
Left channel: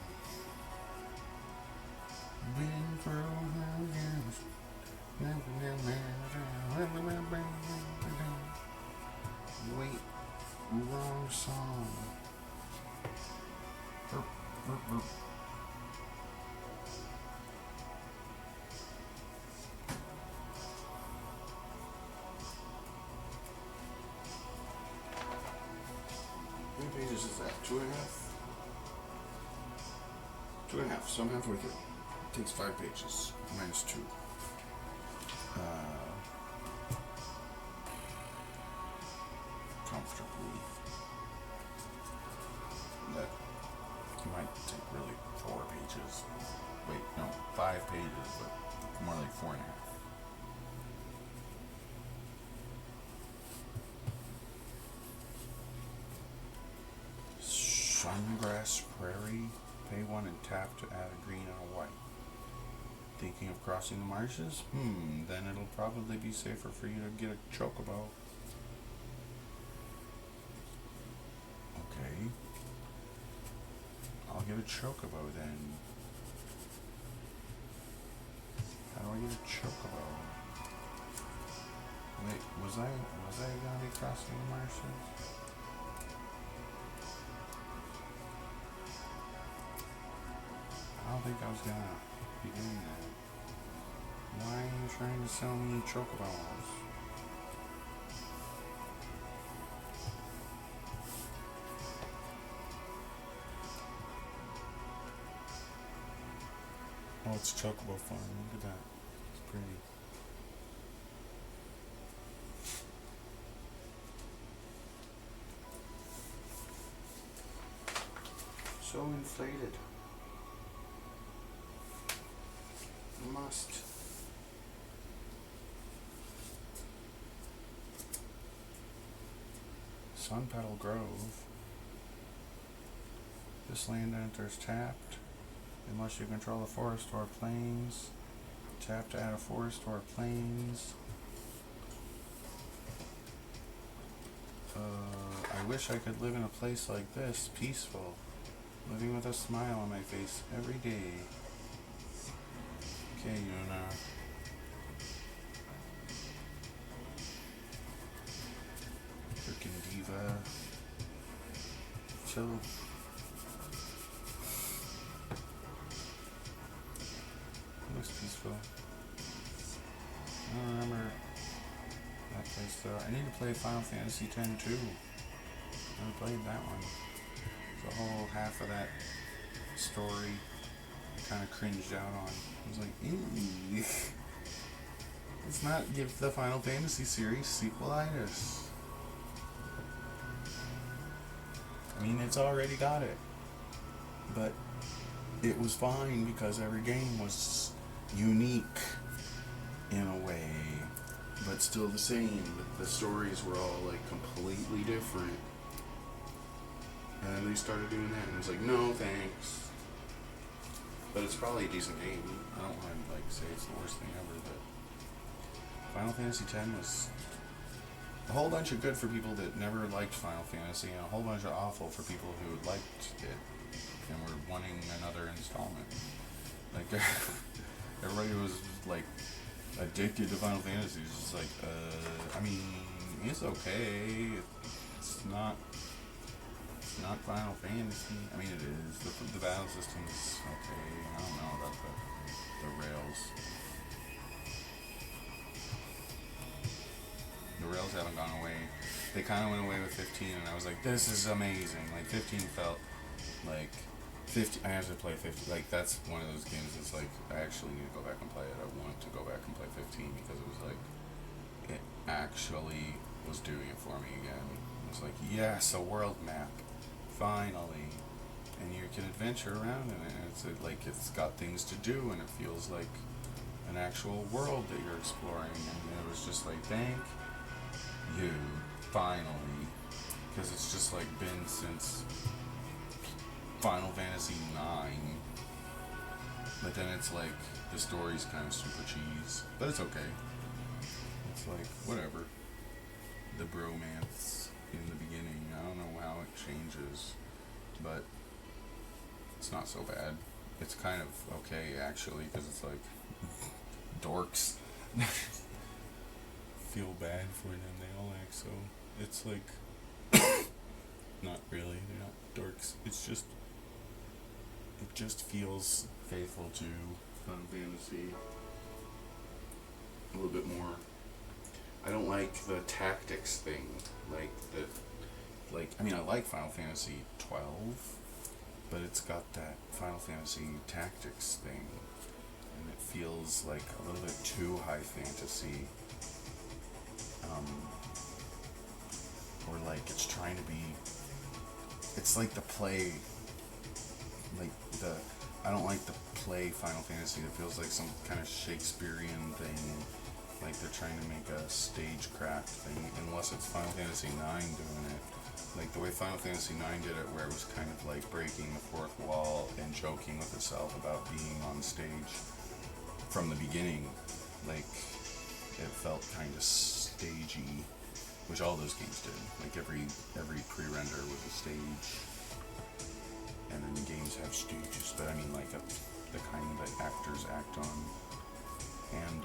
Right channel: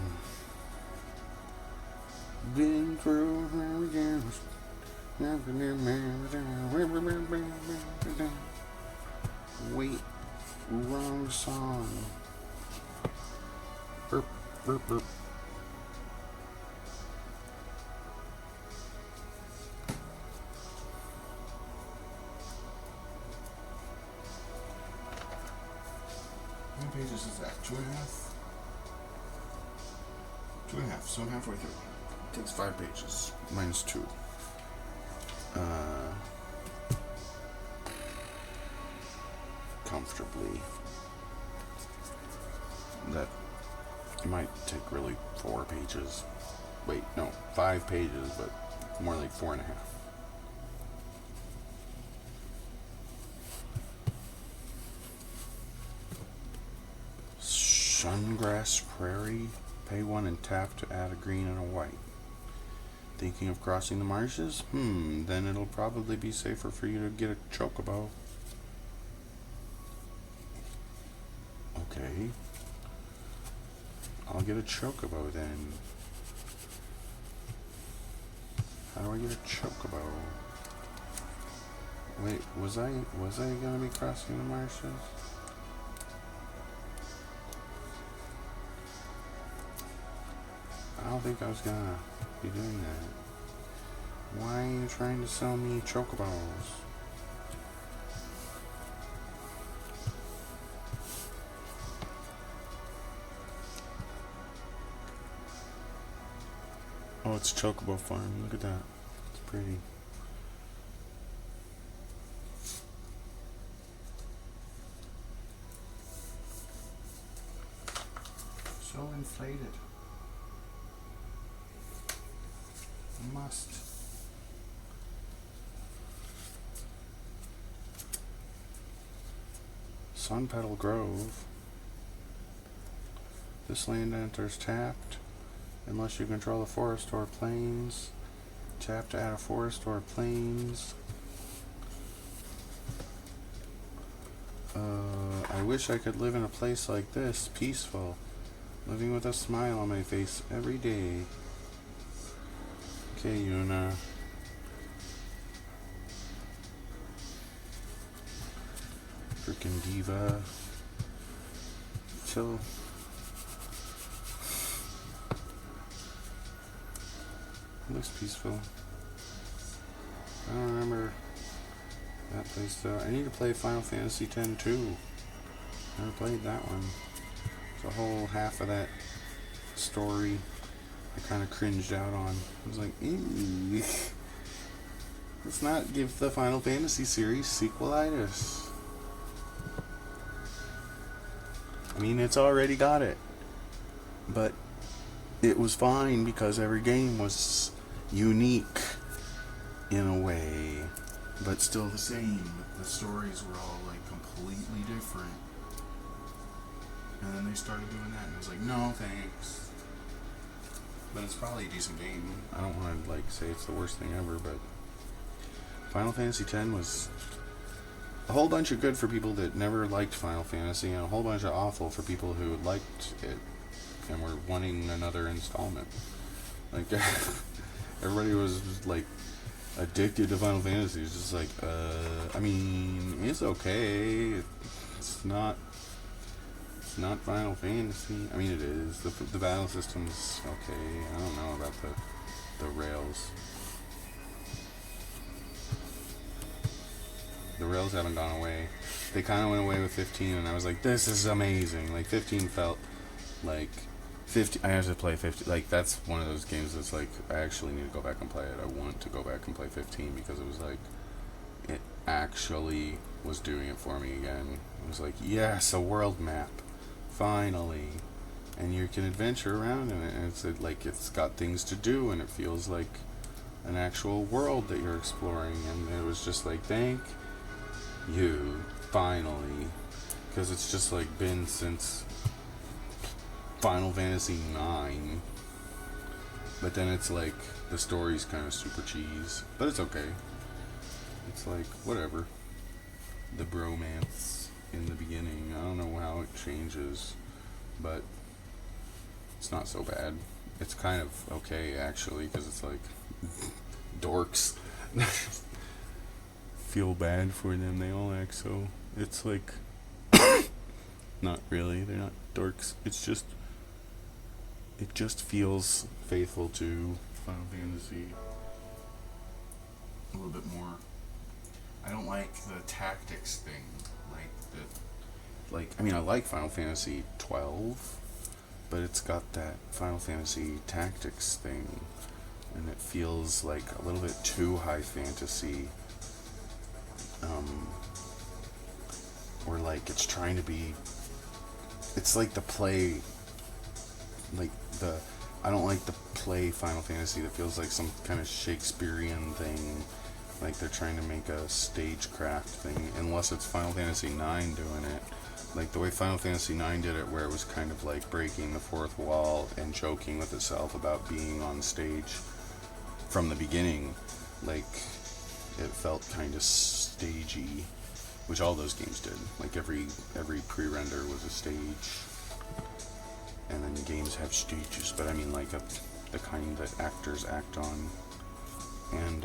Been through hurricanes. Wait, wrong song. Burp, burp, burp. How many pages is that? 2.5? 2.5, so I'm halfway through. It takes 5 pages. Minus 2. Comfortably. That might take really 4 pages. Wait, no, 5 pages, but more like 4.5. Sungrass Prairie. Pay 1 and tap to add a green and a white. Thinking of crossing the marshes? Then it'll probably be safer for you to get a chocobo. Okay. I'll get a chocobo then. How do I get a chocobo? Wait, was I gonna be crossing the marshes? I don't think I was gonna be doing that. Why are you trying to sell me chocobos? Oh, it's Chocobo Farm. Look at that. It's pretty. So inflated. Must. Sunpetal Grove. This land enters tapped unless you control a forest or plains. Tap to add a forest or plains. I wish I could live in a place like this, peaceful, living with a smile on my face every day. Okay, Yuna. Freaking diva. Chill. Looks peaceful. I don't remember that place though. I need to play Final Fantasy X too. Never played that one. The whole half of that story I kind of cringed out on. I was like, ew. Let's not give the Final Fantasy series sequelitis. I mean, it's already got it. But it was fine because every game was unique in a way, but still the same. The stories were all like completely different. And then they started doing that, and I was like, no, thanks. But it's probably a decent game. I don't want to like say it's the worst thing ever, but Final Fantasy X was a whole bunch of good for people that never liked Final Fantasy, and a whole bunch of awful for people who liked it and were wanting another installment. Like everybody was like addicted to Final Fantasy. It's just like, I mean, it's okay. It's not. It's not Final Fantasy. I mean, it is. The battle system's okay. I don't know about the rails. The rails haven't gone away. They kind of went away with 15, and I was like, this is amazing. Like, 15 felt like 50. I have to play 50. Like, that's one of those games that's like, I actually need to go back and play it. I want to go back and play 15 because it was like, it actually was doing it for me again. It was like, yes, a world map. Finally. And you can adventure around in it, and it's like, it's got things to do, and it feels like an actual world that you're exploring, and it was just like, thank you, finally, because it's just like been since Final Fantasy 9, but then it's like the story's kind of super cheese, but it's okay. It's like whatever. The bromance in the beginning, I don't know how it changes, but it's not so bad. It's kind of okay actually, because it's like dorks. Feel bad for them, they all act so. It's like, not really, they're not dorks. It's just, it just feels faithful to Final Fantasy a little bit more. I don't like the tactics thing, I mean, I like Final Fantasy 12, but it's got that Final Fantasy Tactics thing, and it feels like a little bit too high fantasy. Or like it's trying to be. It's like the play. I don't like the play Final Fantasy that feels like some kind of Shakespearean thing. Like they're trying to make a stagecraft thing, unless it's Final Fantasy IX doing it. Like the way Final Fantasy IX did it, where it was kind of like breaking the fourth wall and joking with itself about being on stage from the beginning. Like it felt kind of stagey, which all those games did. Like every pre-render was a stage, and then games have stages. But I mean like the kind that actors act on, and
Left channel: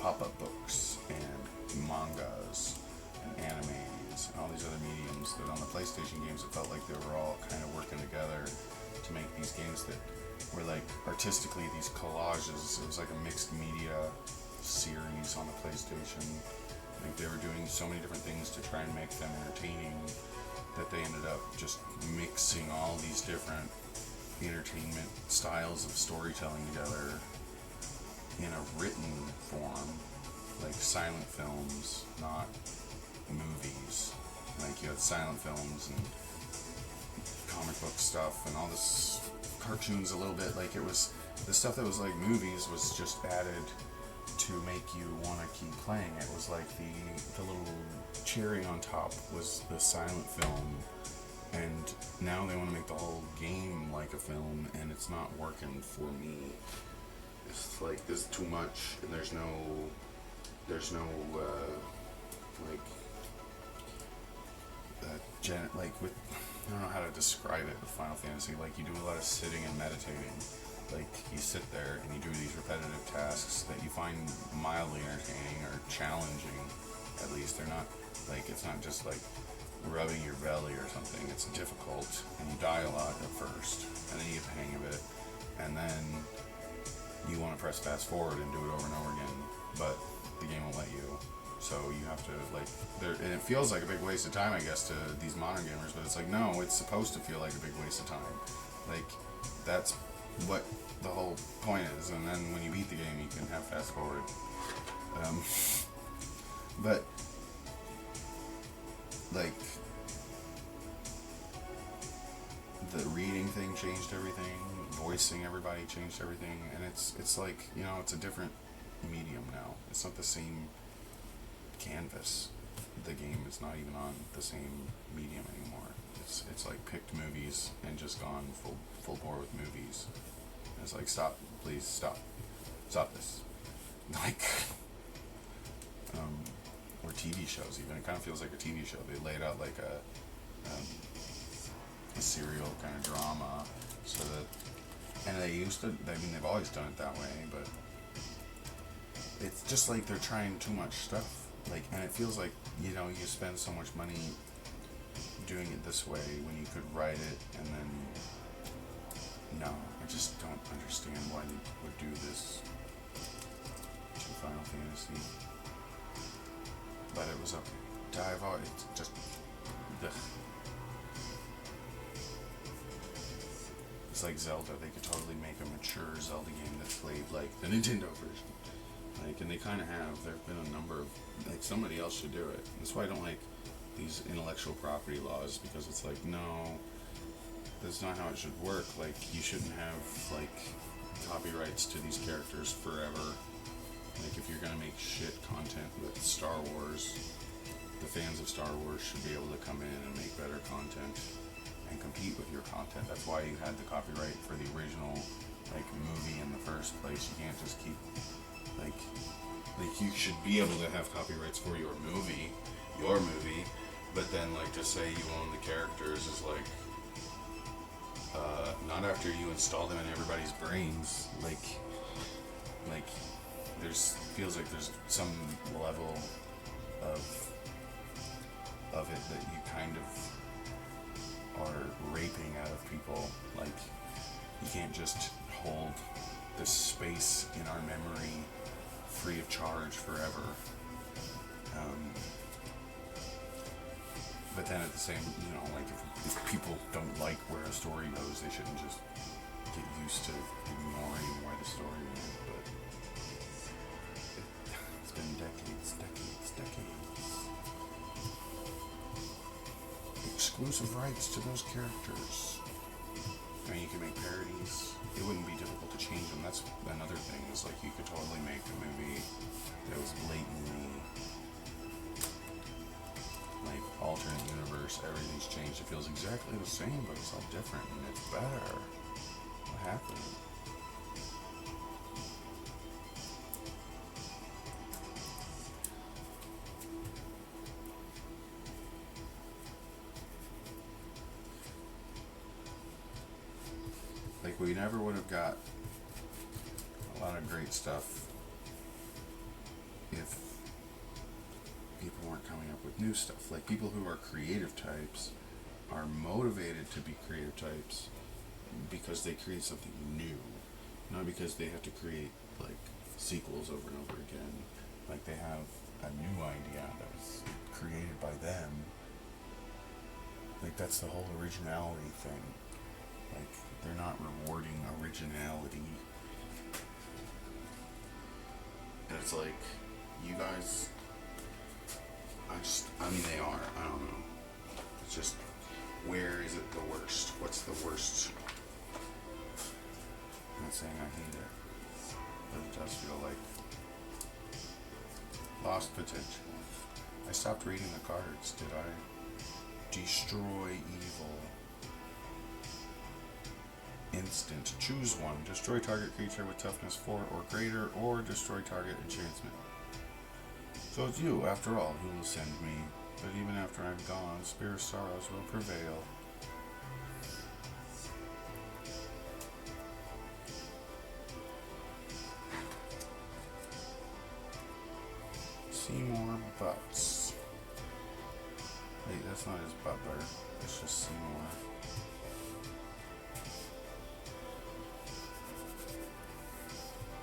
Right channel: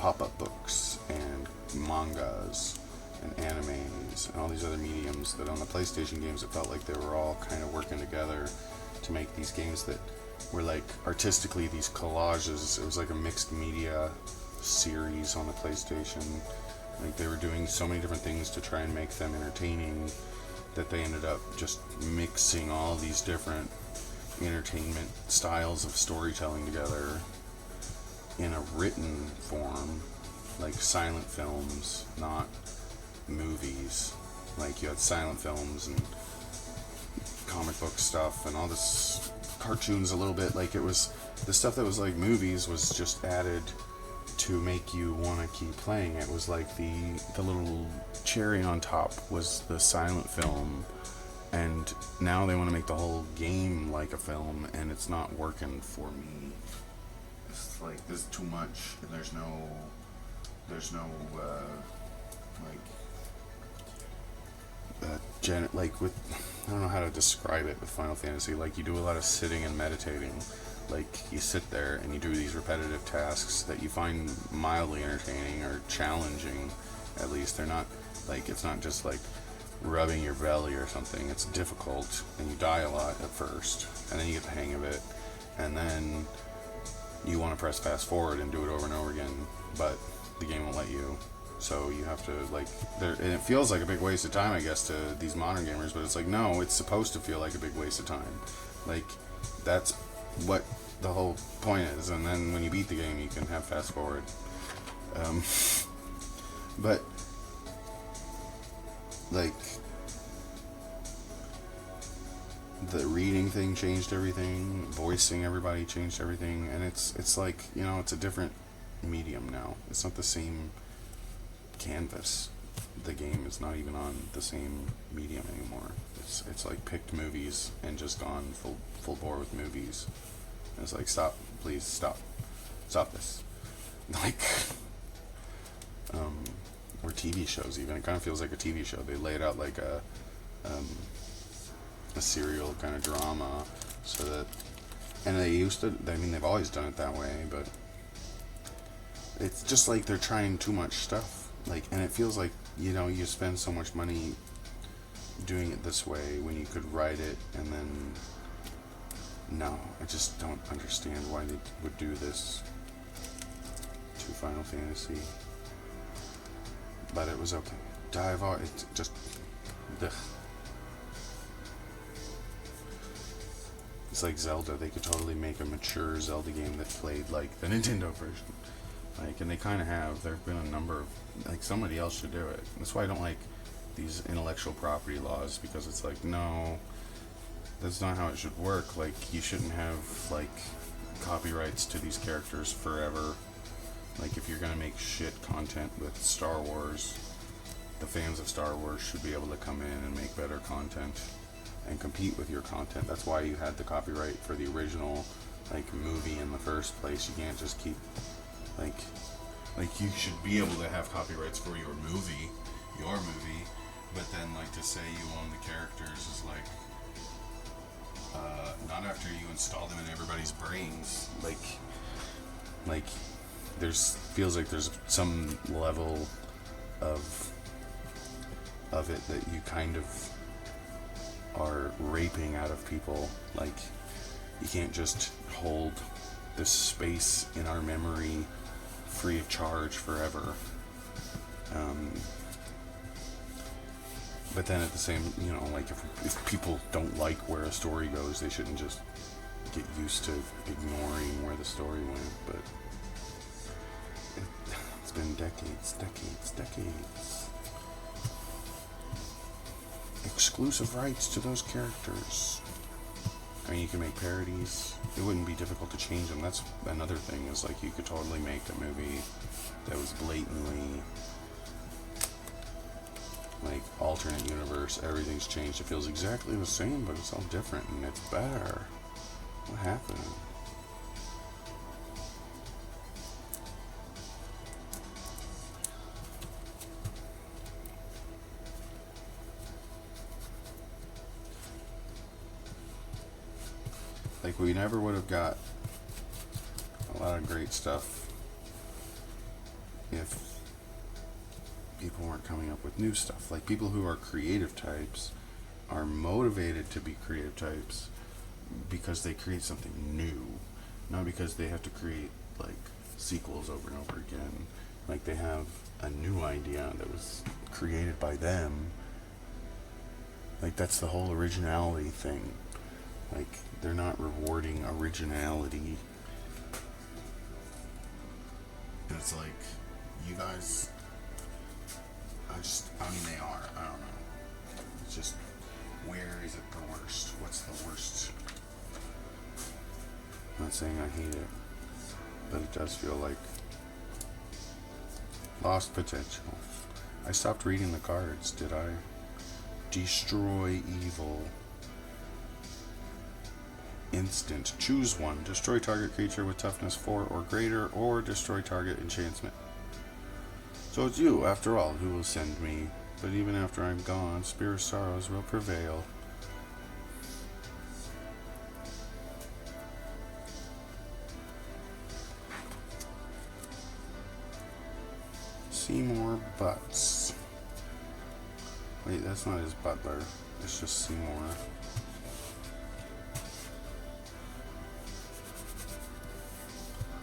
pop-up books and mangas and animes and all these other mediums that on the PlayStation games it felt like they were all kind of working together to make these games that were like artistically these collages. It was like a mixed media series on the PlayStation. Like they were doing so many different things to try and make them entertaining that they ended up just mixing all these different entertainment styles of storytelling together in a written form, like silent films, not movies. Like you had silent films and comic book stuff and all this cartoons a little bit. Like it was the stuff that was like movies was just added to make you want to keep playing. It was like the little cherry on top was the silent film, and now they want to make the whole game like a film, and it's not working for me. It's like there's too much, and there's no like with, I don't know how to describe it with Final Fantasy. Like you do a lot of sitting and meditating. Like you sit there and you do these repetitive tasks that you find mildly entertaining or challenging. At least they're not like, it's not just like rubbing your belly or something. It's difficult, and you die a lot at first, and then you get the hang of it, and then you want to press fast forward and do it over and over again, but the game won't let you. So you have to like, and it feels like a big waste of time, I guess, to these modern gamers. But it's like, no, it's supposed to feel like a big waste of time. Like that's what the whole point is. And then when you beat the game, you can have fast forward. But like the reading thing changed everything. Voicing everybody changed everything, and it's like, you know, it's a different medium now. It's not the same canvas. The game is not even on the same medium anymore. It's like picked movies and just gone full bore with movies. And it's like, stop, please stop this. Like, or TV shows even. It kind of feels like a TV show. They lay it out like a serial kind of drama, so that, and they used to. I mean, they've always done it that way, but it's just like they're trying too much stuff. Like, and it feels like, you know, you spend so much money doing it this way when you could write it and then. No, I just don't understand why they would do this to Final Fantasy. But it was okay. Dive on. It's just. Ugh. It's like Zelda. They could totally make a mature Zelda game that played like the Nintendo version. Like, and they kind of have. There have been a number of. Like, somebody else should do it. That's why I don't like these intellectual property laws, because it's like, no, that's not how it should work. Like, you shouldn't have, like, copyrights to these characters forever. Like, if you're gonna make shit content with Star Wars, the fans of Star Wars should be able to come in and make better content and compete with your content. That's why you had the copyright for the original, like, movie in the first place. You can't just keep, like you should be able to have copyrights for your movie, but then, like, to say you own the characters is like, not after you install them in everybody's brains. Like, feels like there's some level of it that you kind of are raping out of people. Like, you can't just hold this space in our memory free of charge forever. But then at the same, you know, like, if people don't like where a story goes, they shouldn't just get used to ignoring where the story went. But it's been decades. Exclusive rights to those characters. I mean, you can make parodies. It wouldn't be difficult to change them. That's another thing, is like, you could totally make a movie that was blatantly like alternate universe. Everything's changed. It feels exactly the same, but it's all different and it's better. What happened? Like, we never would have got a lot of great stuff if people weren't coming up with new stuff. Like, people who are creative types are motivated to be creative types because they create something new, not because they have to create, like, sequels over and over again. Like, they have a new idea that was created by them. Like, that's the whole originality thing. Like, they're not rewarding originality. And it's like, you guys, I mean, they are, I don't know. It's just, where is it the worst? What's the worst? I'm not saying I hate it, but it does feel like lost potential. I stopped reading the cards, did I? Destroy evil. Instant. Choose one. Destroy target creature with toughness 4 or greater, or destroy target enchantment. So it's you, after all, who will send me. But even after I'm gone, Spear of Sorrows will prevail. Seymour Butts. Wait, that's not his butler. It's just Seymour.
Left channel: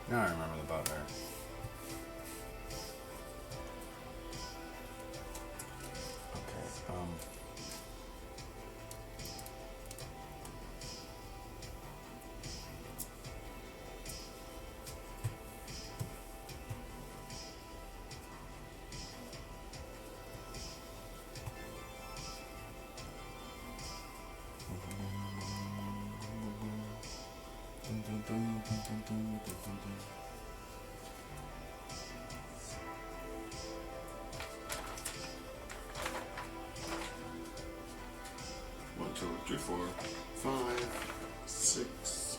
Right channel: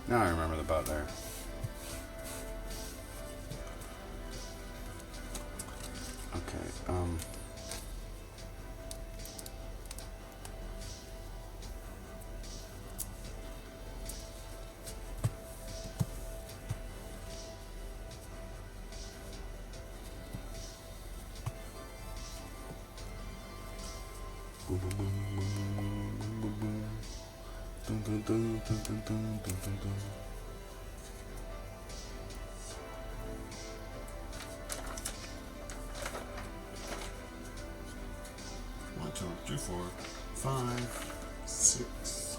Now I remember the butler. Okay, 5, 6.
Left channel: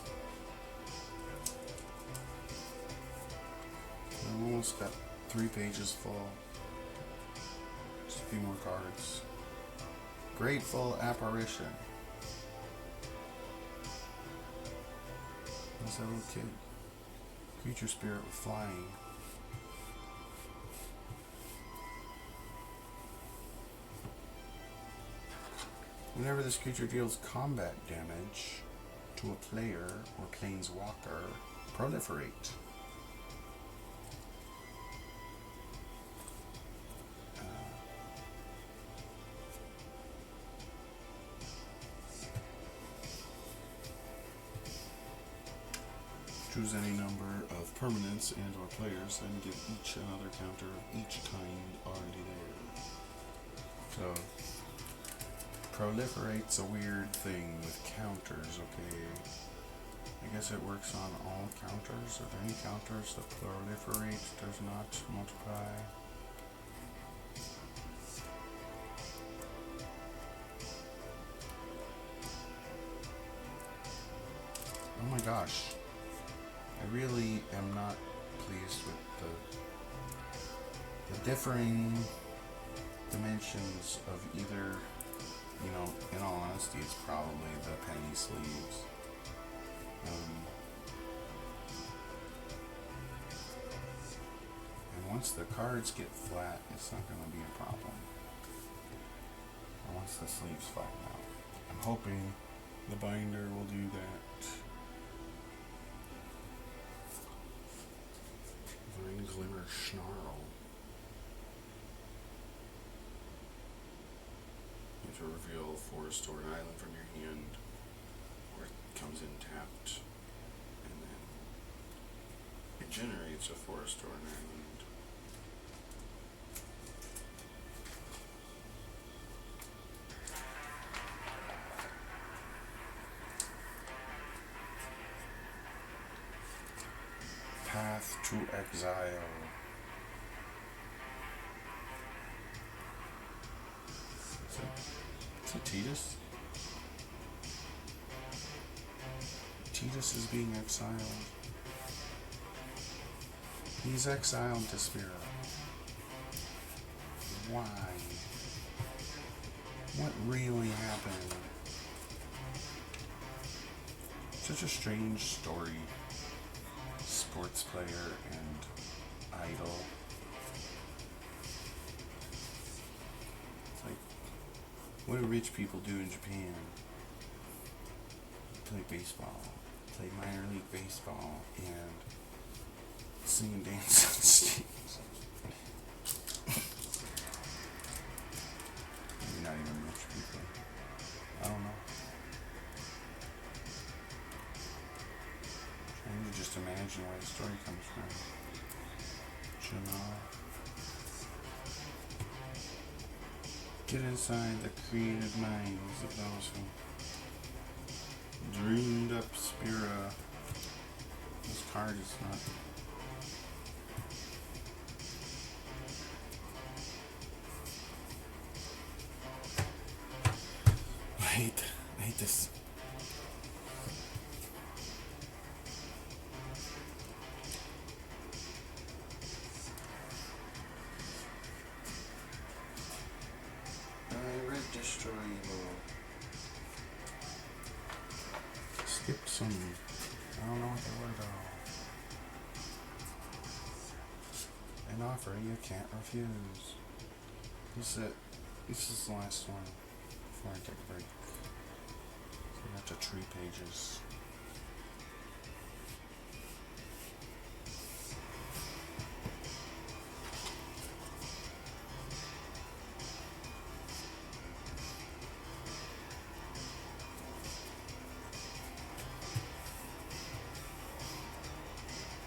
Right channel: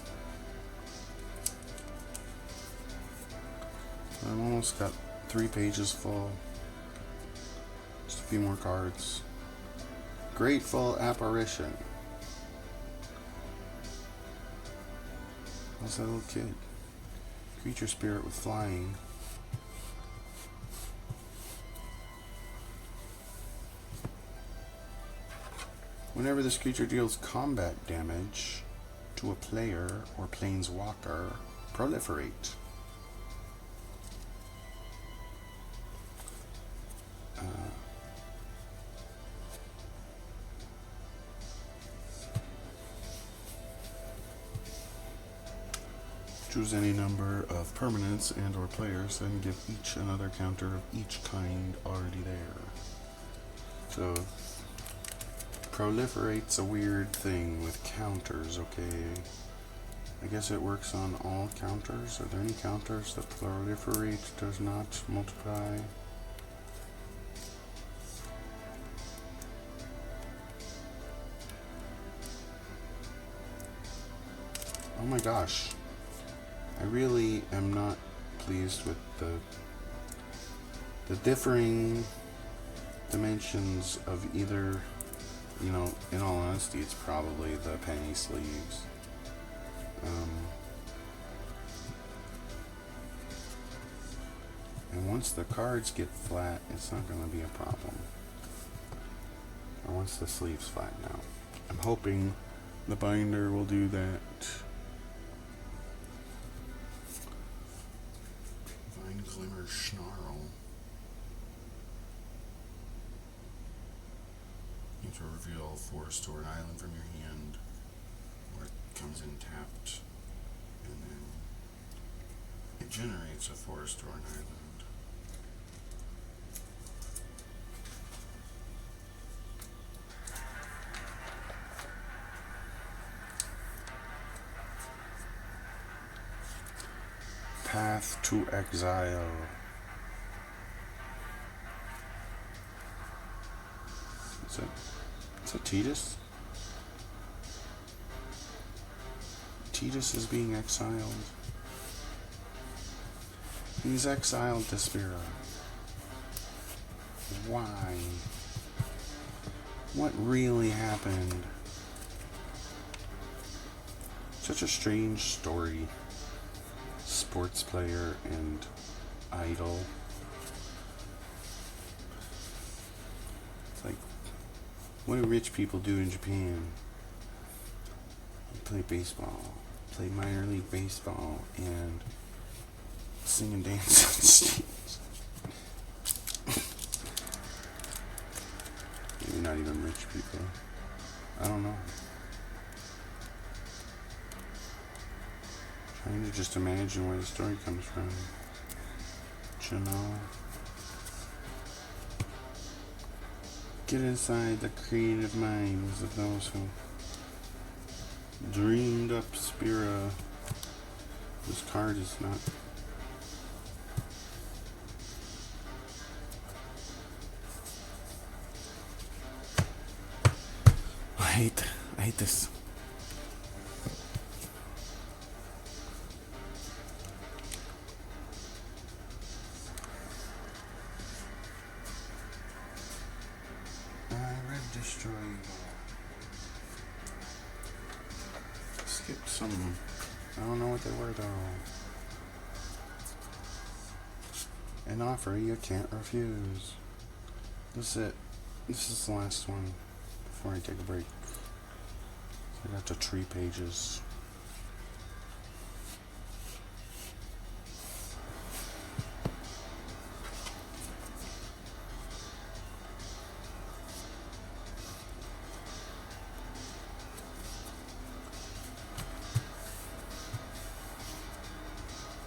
I've almost got 3 pages full. Just a few more cards. Grateful Apparition. That's that little kid. Creature spirit with flying. Whenever this creature deals combat damage to a player or planeswalker, proliferate. Choose any number of permanents and or players, then give each another counter of each kind already there. So, proliferate's a weird thing with counters, okay? I guess it works on all counters. Are there any counters that proliferate does not multiply? Oh my gosh. I really am not pleased with the differing dimensions of either, you know, in all honesty, it's probably the penny sleeves. And once the cards get flat, it's not going to be a problem. Or once the sleeves flatten out. I'm hoping the binder will do that. Vine Glimmer Snarl. You have to reveal forest or an island from your hand, or it comes in tapped, and then it generates a forest or an island. Path to Exile. It's a Tidus? Tidus is being exiled. He's exiled to Spira. Why? What really happened? Such a strange story. Sports player and idol. It's like, what do rich people do in Japan? They play baseball, play minor league baseball, and sing and dance on stage. Maybe not even rich people. I don't know. Trying to just imagine where the story comes from. Janelle. Get inside the creative minds of those who dreamed up Spira. This card is not. I hate this. Destroy Evil. Skip some. I don't know what they were though. An offer you can't refuse. This is it. This is the last one before I take a break. I got to 3 pages.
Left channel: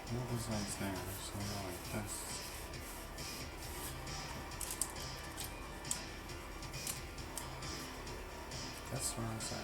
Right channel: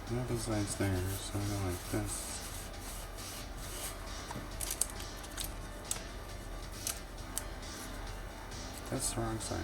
No besides there, so I go like this. That's the wrong side.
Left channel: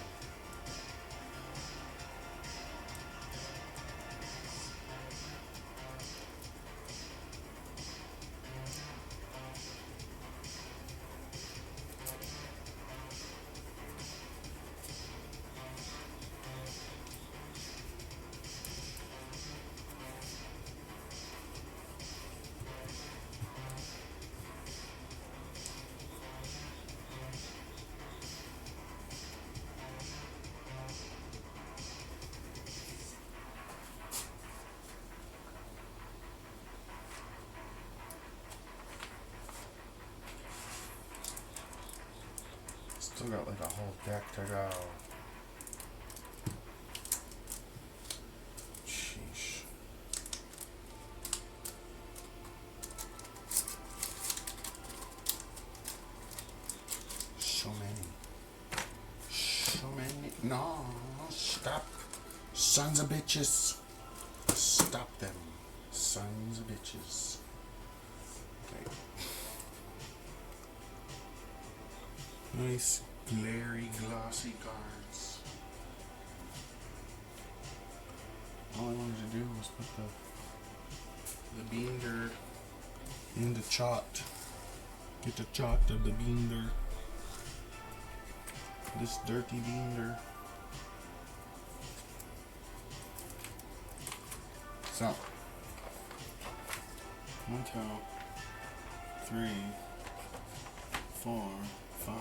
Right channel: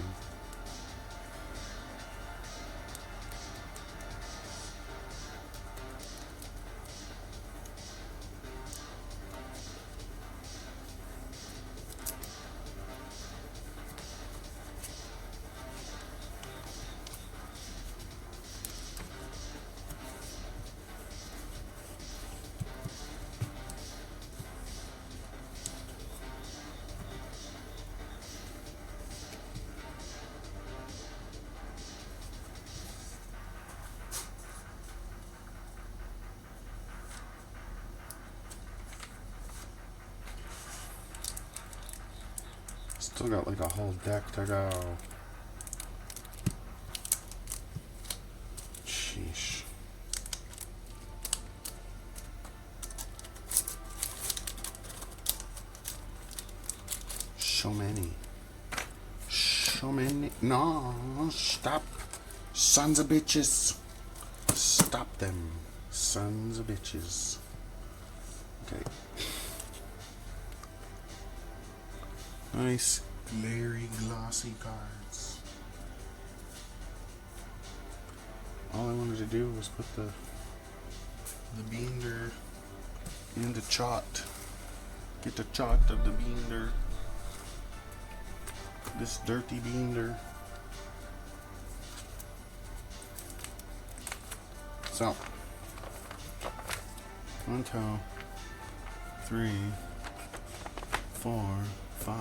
Still got like a whole deck to go. Sheesh. So many. So many. No, stop. Sons of bitches. Stop them. Sons of bitches. Okay. Nice, glary, glossy cards. All I wanted to do was put the binder in the chart. Get the chart of the binder. This dirty binder. So, 1, 2, 3, 4, 5,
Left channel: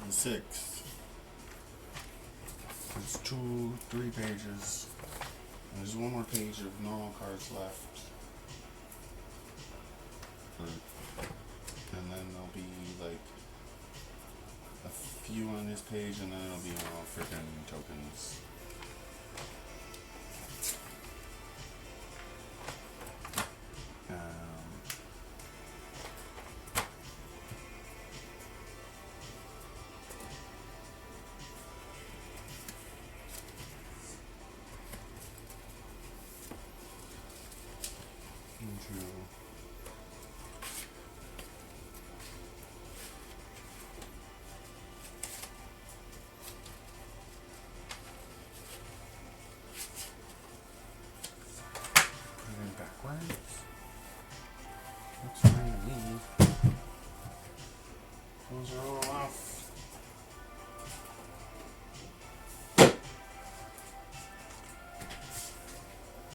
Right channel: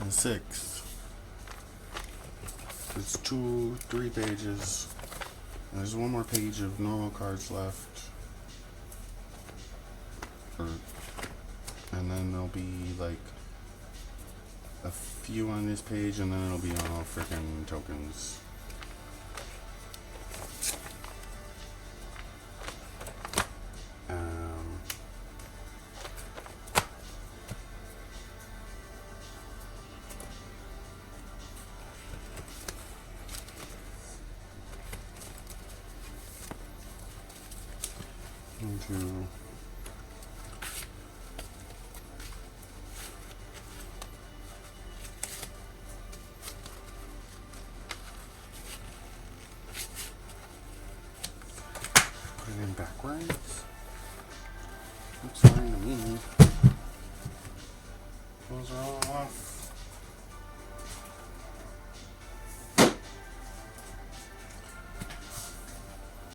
and 6. It's 2, 3 pages. There's one more page of normal cards left. And then there'll be like a few on this page, and then it'll be all freaking tokens. Into put it in backwards. Looks fine to me. Those are all